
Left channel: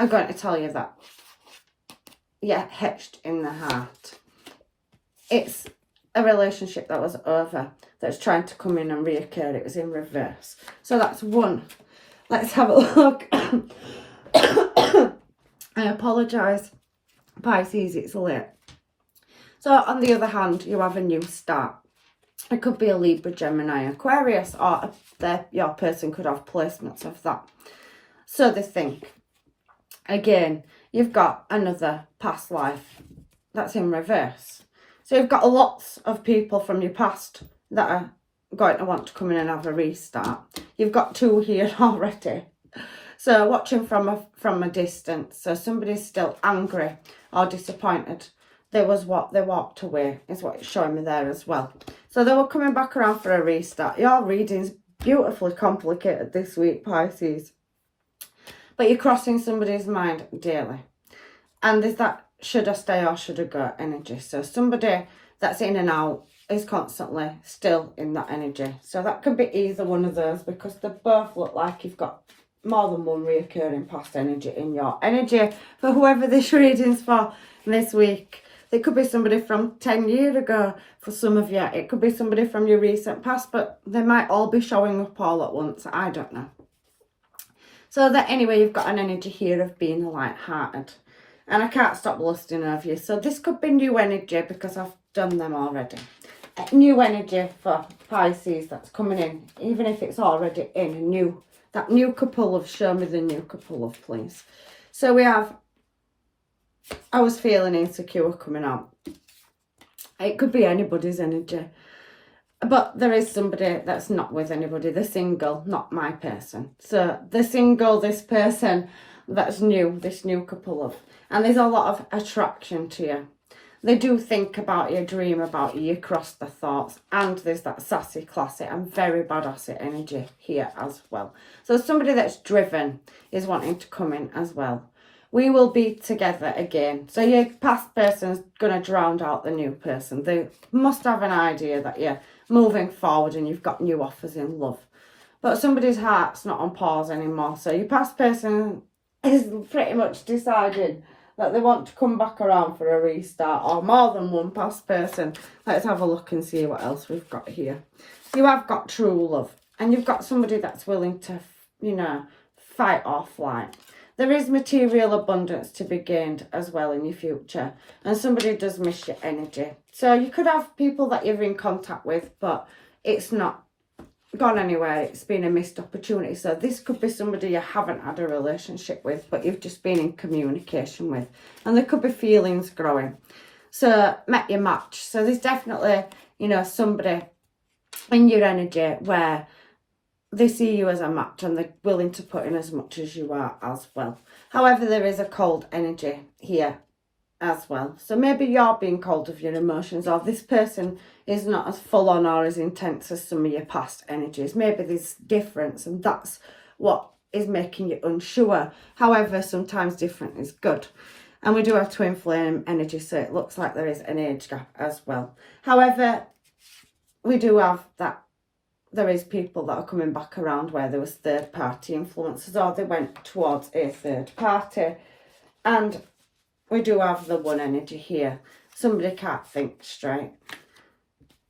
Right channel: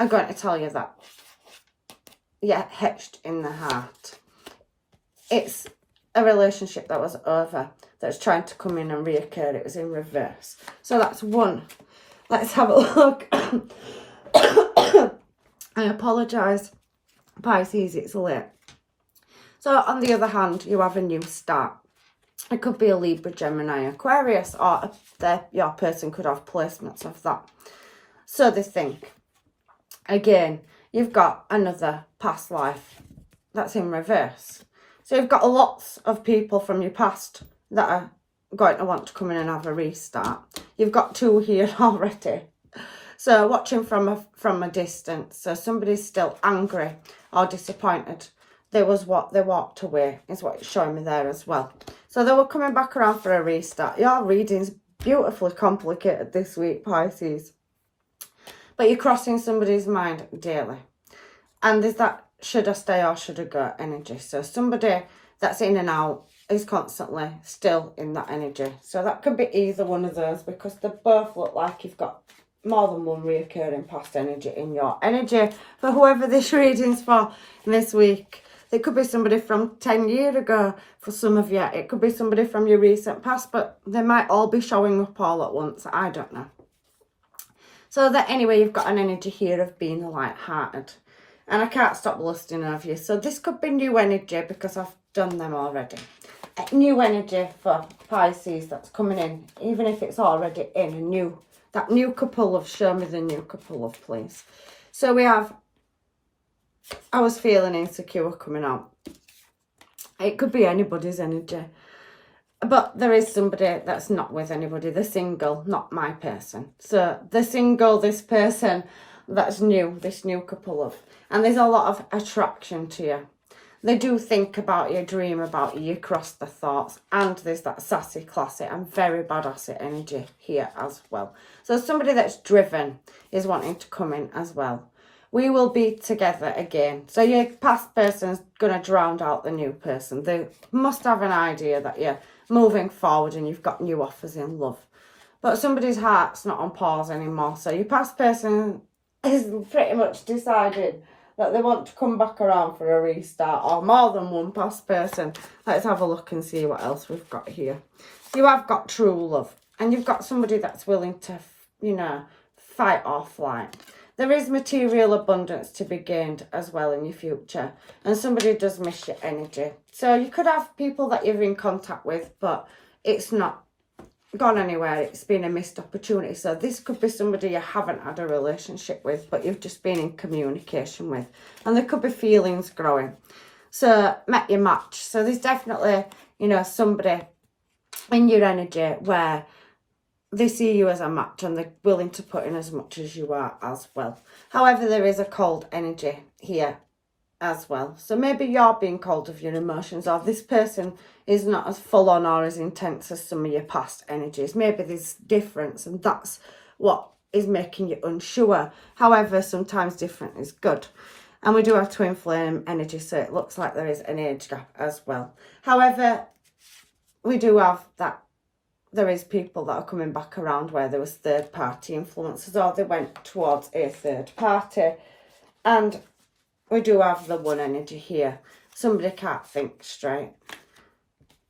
are going to tell you that you're etched in the heart. It's a relationship that was over, that's trying to come in and reoccur. It was in reverse. So that's one. Let's have a look. I apologise, Pisces, it's late. So on the other hand, you have a new start. It could be a Libra, Gemini, Aquarius, or your person could have placements of that. So they think, again, you've got another past life that's in reverse. So you've got lots of people from your past that are going to want to come in and have a restart. You've got 2 here already. So watching from a distance. So somebody's still angry or disappointed. There was what they walked away, is what it's showing me there as well. So they were coming back around for a restart. Your reading's beautifully complicated this week, Pisces. But you're crossing somebody's mind daily. And there's that should I stay or should I go energy. So somebody that's in and out is constantly still in that energy. So that could be either one of those, because they both look like you've got more than one reoccurring past energy in your energy. For whoever this reading's for this week, it could be somebody from 10 years ago for some of you. It could be somebody from your recent past, but they might all be showing up all at once. I don't know. So that anyway, you've got an energy here of being light-hearted. And I can't stop lusting over you. So this could be new energy, because I've done them already. New energy for Pisces that's coming in, even if it's already in. That new couple of, show me the new couple of, please. So we have, I was feeling insecure coming out. It could be anybody's energy. But there is somebody that's not with anybody. They're single, not my person. So the single, this person that's new, this new couple of. And there's a lot of attraction to you. They do think about you, dream about you, you cross the thoughts. And there's that sassy, classy and very badass energy here as well. So somebody that's driven is wanting to come in as well. We will be together again. So your past person's going to drown out the new person. They must have an idea that you're moving forward and you've got new offers in love. But somebody's heart's not on pause anymore. So your past person is pretty much decided that they want to come back around for a restart, or more than one past person. Let's have a look and see what else we've got here. You have got true love, and you've got somebody that's willing to, fight or flight. There is material abundance to be gained as well in your future, and somebody does miss your energy. So you could have people that you're in contact with, but it's not gone anywhere. It's been a missed opportunity. So this could be somebody you haven't had a relationship with, but you've just been in communication with, and there could be feelings growing. So met your match. So there's definitely, somebody in your energy where they see you as a match and they're willing to put in as much as you are as well. However, there is a cold energy here as well. So maybe you're being cold of your emotions, or this person is not as full on or as intense as some of your past energies. Maybe there's difference, and that's what is making you unsure. However, sometimes different is good. And we do have twin flame energy, so it looks like there is an age gap as well. However, we do have that there is people that are coming back around where there was third party influences, or they went towards a third party. And we do have the one energy here. Somebody can't think straight.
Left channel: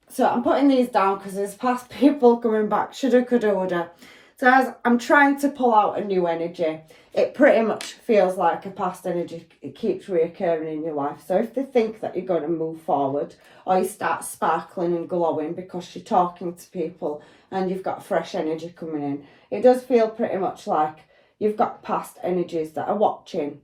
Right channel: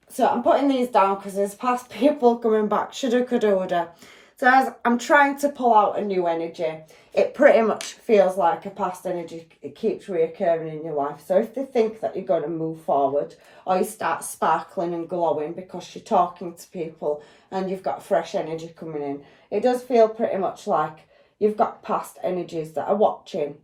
So I'm putting these down because there's past people coming back. Shoulda, coulda, woulda. So as I'm trying to pull out a new energy, it pretty much feels like a past energy. It keeps reoccurring in your life. So if they think that you're going to move forward, or you start sparkling and glowing because you're talking to people and you've got fresh energy coming in, it does feel pretty much like you've got past energies that are watching.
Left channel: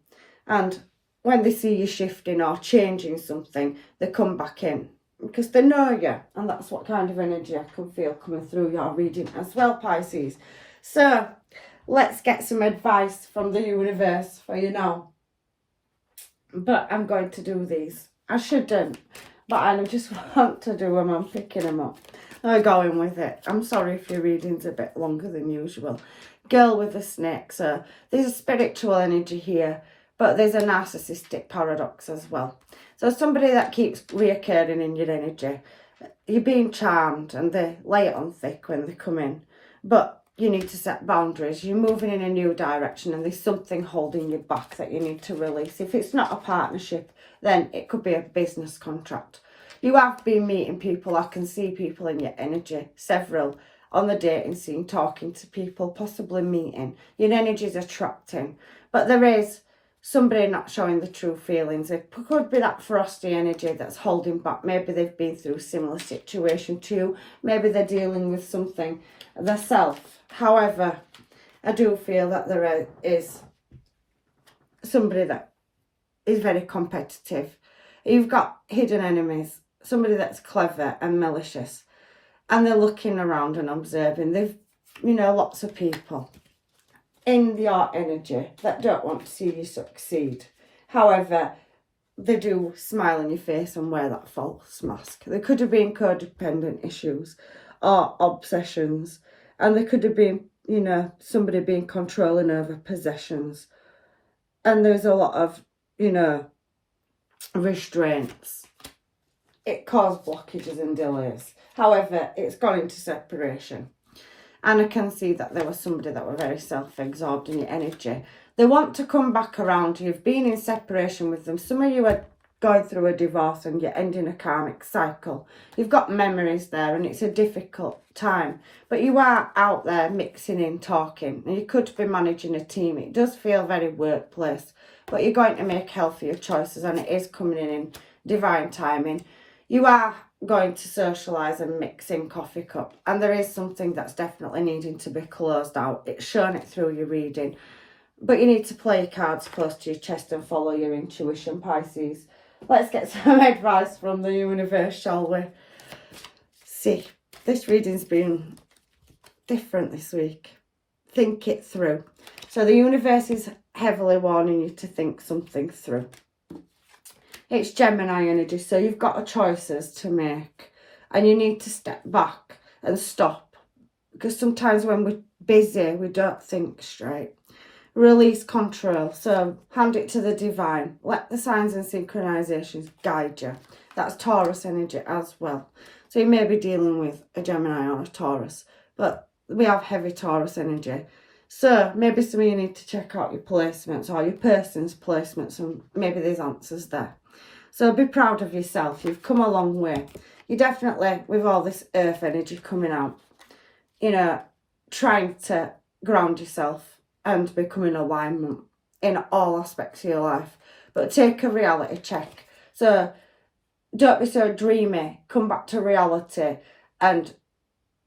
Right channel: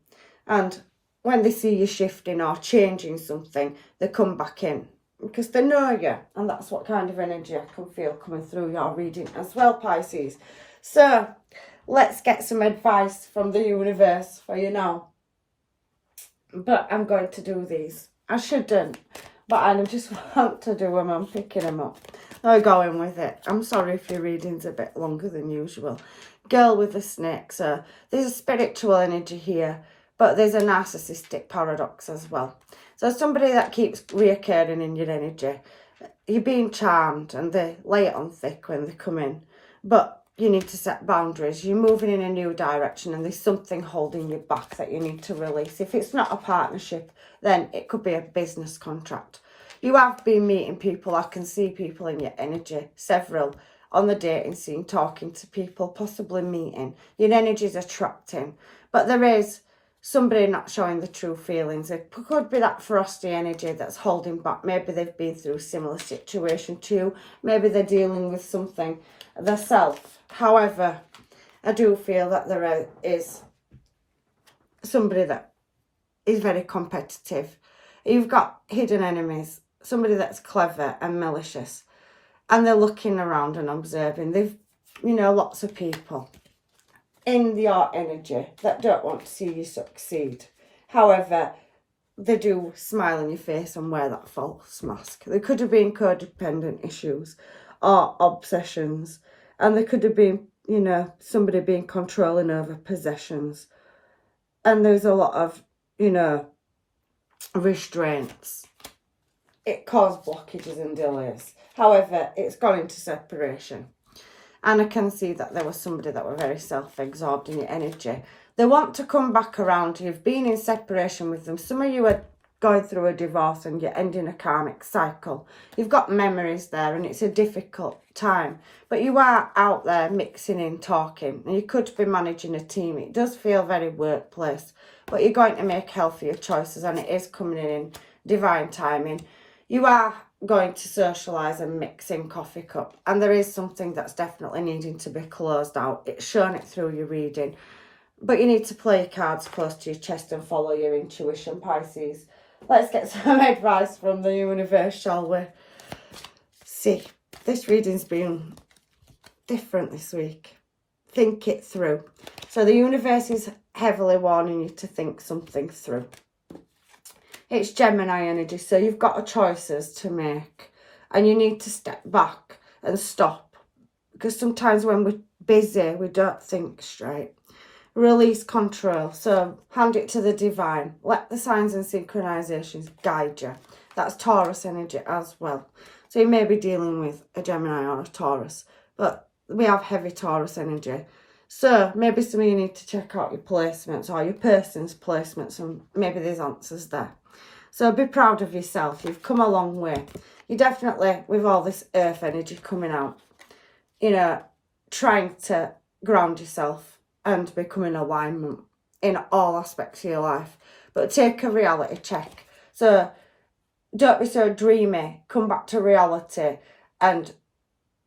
And when they see you shifting or changing something, they come back in because they know you. And that's what kind of energy I can feel coming through your reading as well, Pisces. So let's get some advice from the universe for you now. But I'm going to do these. I shouldn't, but I just want to do them. I'm picking them up. I'm going with it. I'm sorry if your reading's a bit longer than usual. Girl with the snake. So there's a spiritual energy here, but there's a narcissistic paradox as well. So somebody that keeps reoccurring in your energy, you're being charmed and they lay it on thick when they come in. But you need to set boundaries. You're moving in a new direction and there's something holding you back that you need to release. If it's not a partnership, then it could be a business contract. You have been meeting people. I can see people in your energy, several on the dating scene, talking to people, possibly meeting. Your energy is attracting. But there is somebody not showing the true feelings. It could be that frosty energy that's holding back. Maybe they've been through a similar situation too. Maybe they're dealing with something themselves. However, I do feel that there is somebody that is very competitive. You've got hidden enemies, somebody that's clever and malicious, and they're looking around and observing. They've, lots of people in your energy that don't want to see you succeed. However, they do smile in your face and wear that false mask. There could have been codependent issues or obsessions, and there could have been, somebody being controlling over possessions. And there's a lot of, restraints. It caused blockages and delays. However, it's gone into separation. And I can see that there was somebody that were very self-absorbed in your energy. They want to come back around. You've been in separation with them. Some of you are going through a divorce and you're ending a karmic cycle. You've got memories there and it's a difficult time. But you are out there mixing in, talking. And you could be managing a team. It does feel very workplace. But you're going to make healthier choices and it is coming in divine timing. You are going to socialise and mix in coffee cup, and there is something that's definitely needing to be closed out. It's shown it through your reading, but you need to play your cards close to your chest and follow your intuition, Pisces. Let's get some advice from the universe, shall we? See, this reading's been different this week. Think it through. So the universe is heavily warning you to think something through. It's Gemini energy, so you've got choices to make and you need to step back and stop, because sometimes when we're busy, we don't think straight. Release control, so hand it to the divine. Let the signs and synchronizations guide you. That's Taurus energy as well. So you may be dealing with a Gemini or a Taurus, but we have heavy Taurus energy. So maybe some of you need to check out your placements or your person's placements, and maybe there's answers there. So be proud of yourself. You've come a long way. You definitely, with all this earth energy coming out, trying to ground yourself and become in alignment in all aspects of your life. But take a reality check. So don't be so dreamy. Come back to reality. And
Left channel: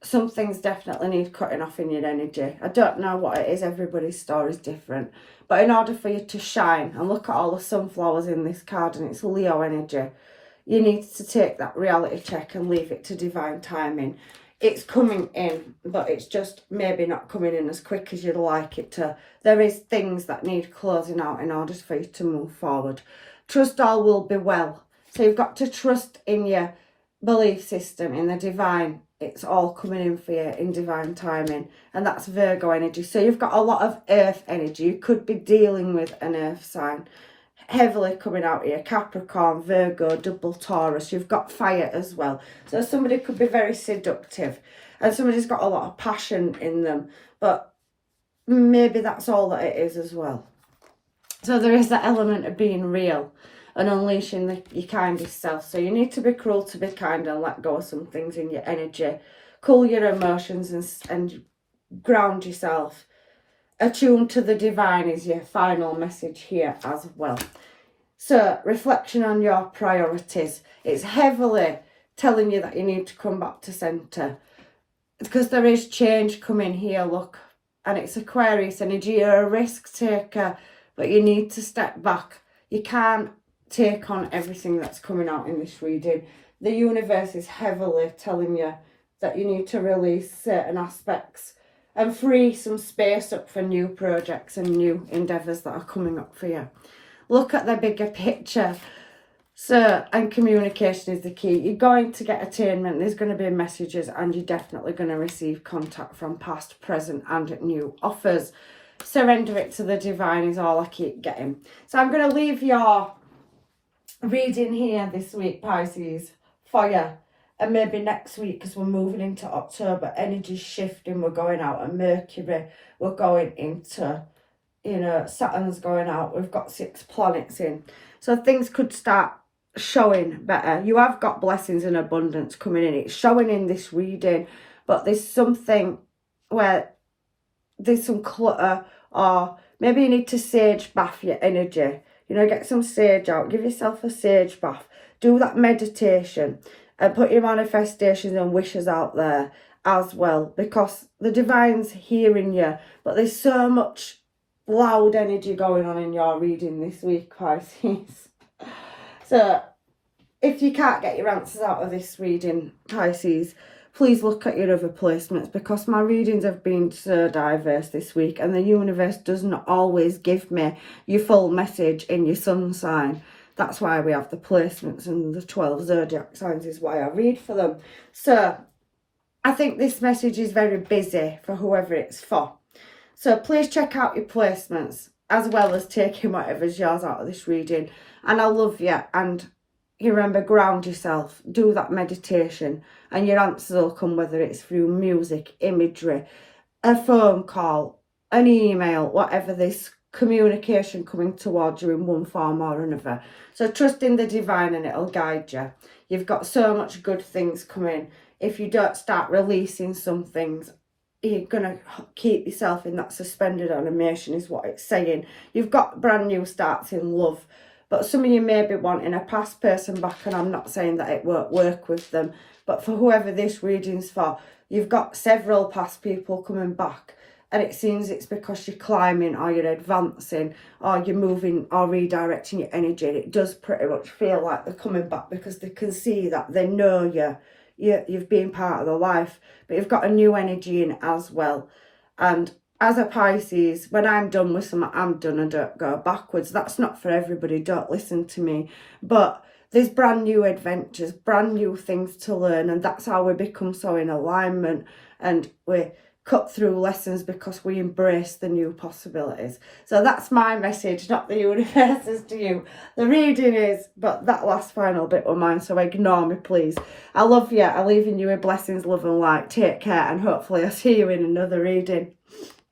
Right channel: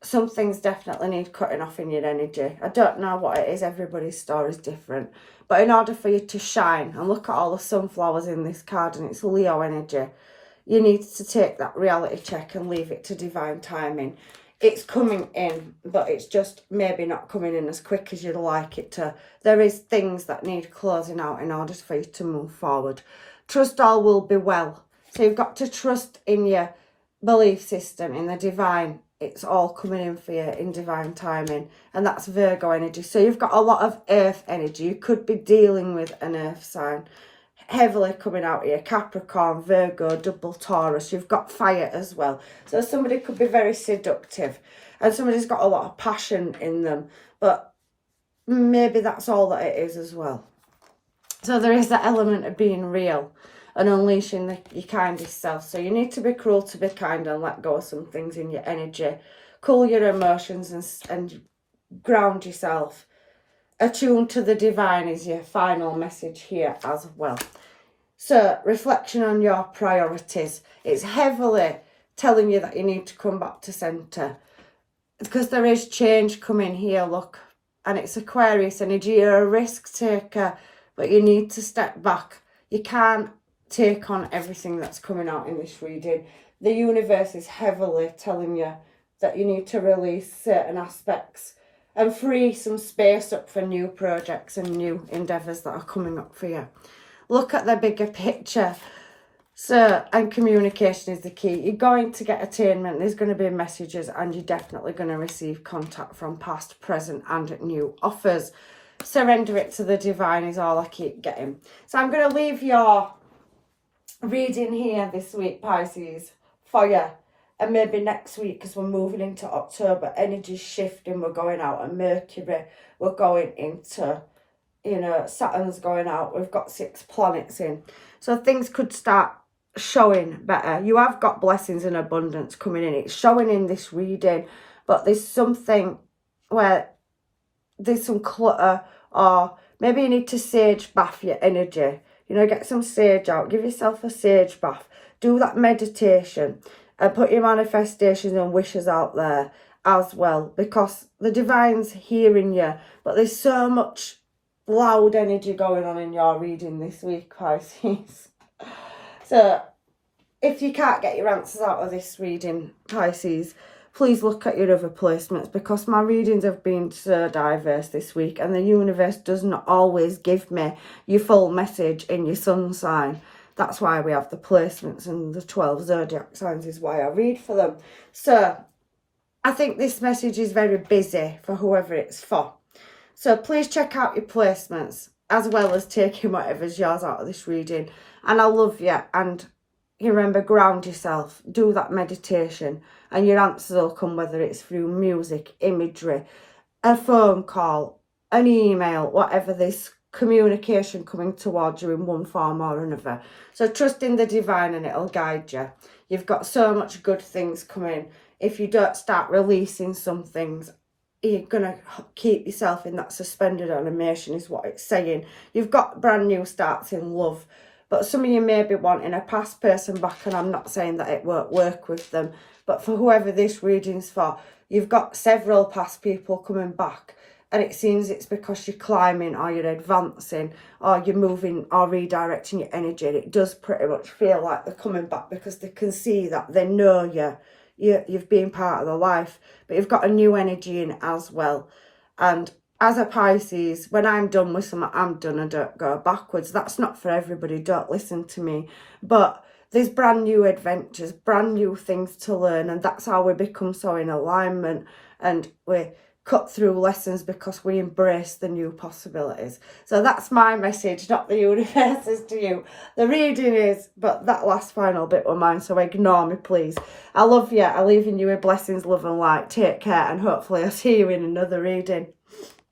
some things definitely need cutting off in your energy. I don't know what it is. Everybody's story is different. But in order for you to shine, and look at all the sunflowers in this card, and it's Leo energy, you need to take that reality check and leave it to divine timing. It's coming in, but it's just maybe not coming in as quick as you'd like it to. There is things that need closing out in order for you to move forward. Trust all will be well. So you've got to trust in your belief system, in the divine. It's all coming in for you in divine timing. And that's Virgo energy. So you've got a lot of earth energy. You could be dealing with an earth sign. Heavily coming out here. Capricorn, Virgo, double Taurus. You've got fire as well. So somebody could be very seductive. And somebody's got a lot of passion in them. But maybe that's all that it is as well. So there is that element of being real and unleashing your kindest self. So you need to be cruel to be kind and let go of some things in your energy. Cool your emotions and ground yourself. Attune to the divine is your final message here as well. So reflection on your priorities. It's heavily telling you that you need to come back to centre, because there is change coming here, look. And it's Aquarius energy. You're a risk taker, but you need to step back. You can't take on everything that's coming out in this reading. The universe is heavily telling you that you need to release certain aspects and free some space up for new projects and new endeavours that are coming up for you. Look at the bigger picture. So, and communication is the key. You're going to get attainment. There's going to be messages, and you're definitely going to receive contact from past, present and new offers. Surrender it to the divine is all I keep getting. So I'm going to leave your reading here this week, Pisces, for you. And maybe next week, because we're moving into October, energy's shifting, we're going out of Mercury, we're going into, Saturn's going out, we've got 6 planets in. So things could start showing better. You have got blessings and abundance coming in. It's showing in this reading, but there's something where there's some clutter, or Maybe you need to sage bath your energy. You know, get some sage out. Give yourself a sage bath. Do that meditation. And put your manifestations and wishes out there as well. Because the divine's hearing you. But there's so much loud energy going on in your reading this week, Pisces. So, if you can't get your answers out of this reading, Pisces, please look at your other placements, because my readings have been so diverse this week and the universe does not always give me your full message in your sun sign. That's why we have the placements, and the 12 zodiac signs is why I read for them. So I think this message is very busy for whoever it's for. So please check out your placements as well as taking whatever's yours out of this reading. And I love you. And you remember, ground yourself, do that meditation, and your answers will come, whether it's through music, imagery, a phone call, an email, whatever, this communication coming towards you in one form or another. So trust in the divine and it'll guide you. You've got so much good things coming. If you don't start releasing some things, you're going to keep yourself in that suspended animation, is what it's saying. You've got brand new starts in love. But some of you may be wanting a past person back, and I'm not saying that it won't work with them. But for whoever this reading's for, you've got several past people coming back. And it seems it's because you're climbing, or you're advancing, or you're moving or redirecting your energy. And it does pretty much feel like they're coming back, because they can see that they know you've been part of their life. But you've got a new energy in as well. And as a Pisces, when I'm done with something, I'm done and don't go backwards. That's not for everybody, don't listen to me. But there's brand new adventures, brand new things to learn, and that's how we become so in alignment, and we cut through lessons because we embrace the new possibilities. So that's my message, not the universe's to you. The reading is, but that last final bit was mine, so ignore me, please. I love you. I'm leaving you with blessings, love and light. Take care, and hopefully I'll see you in another reading.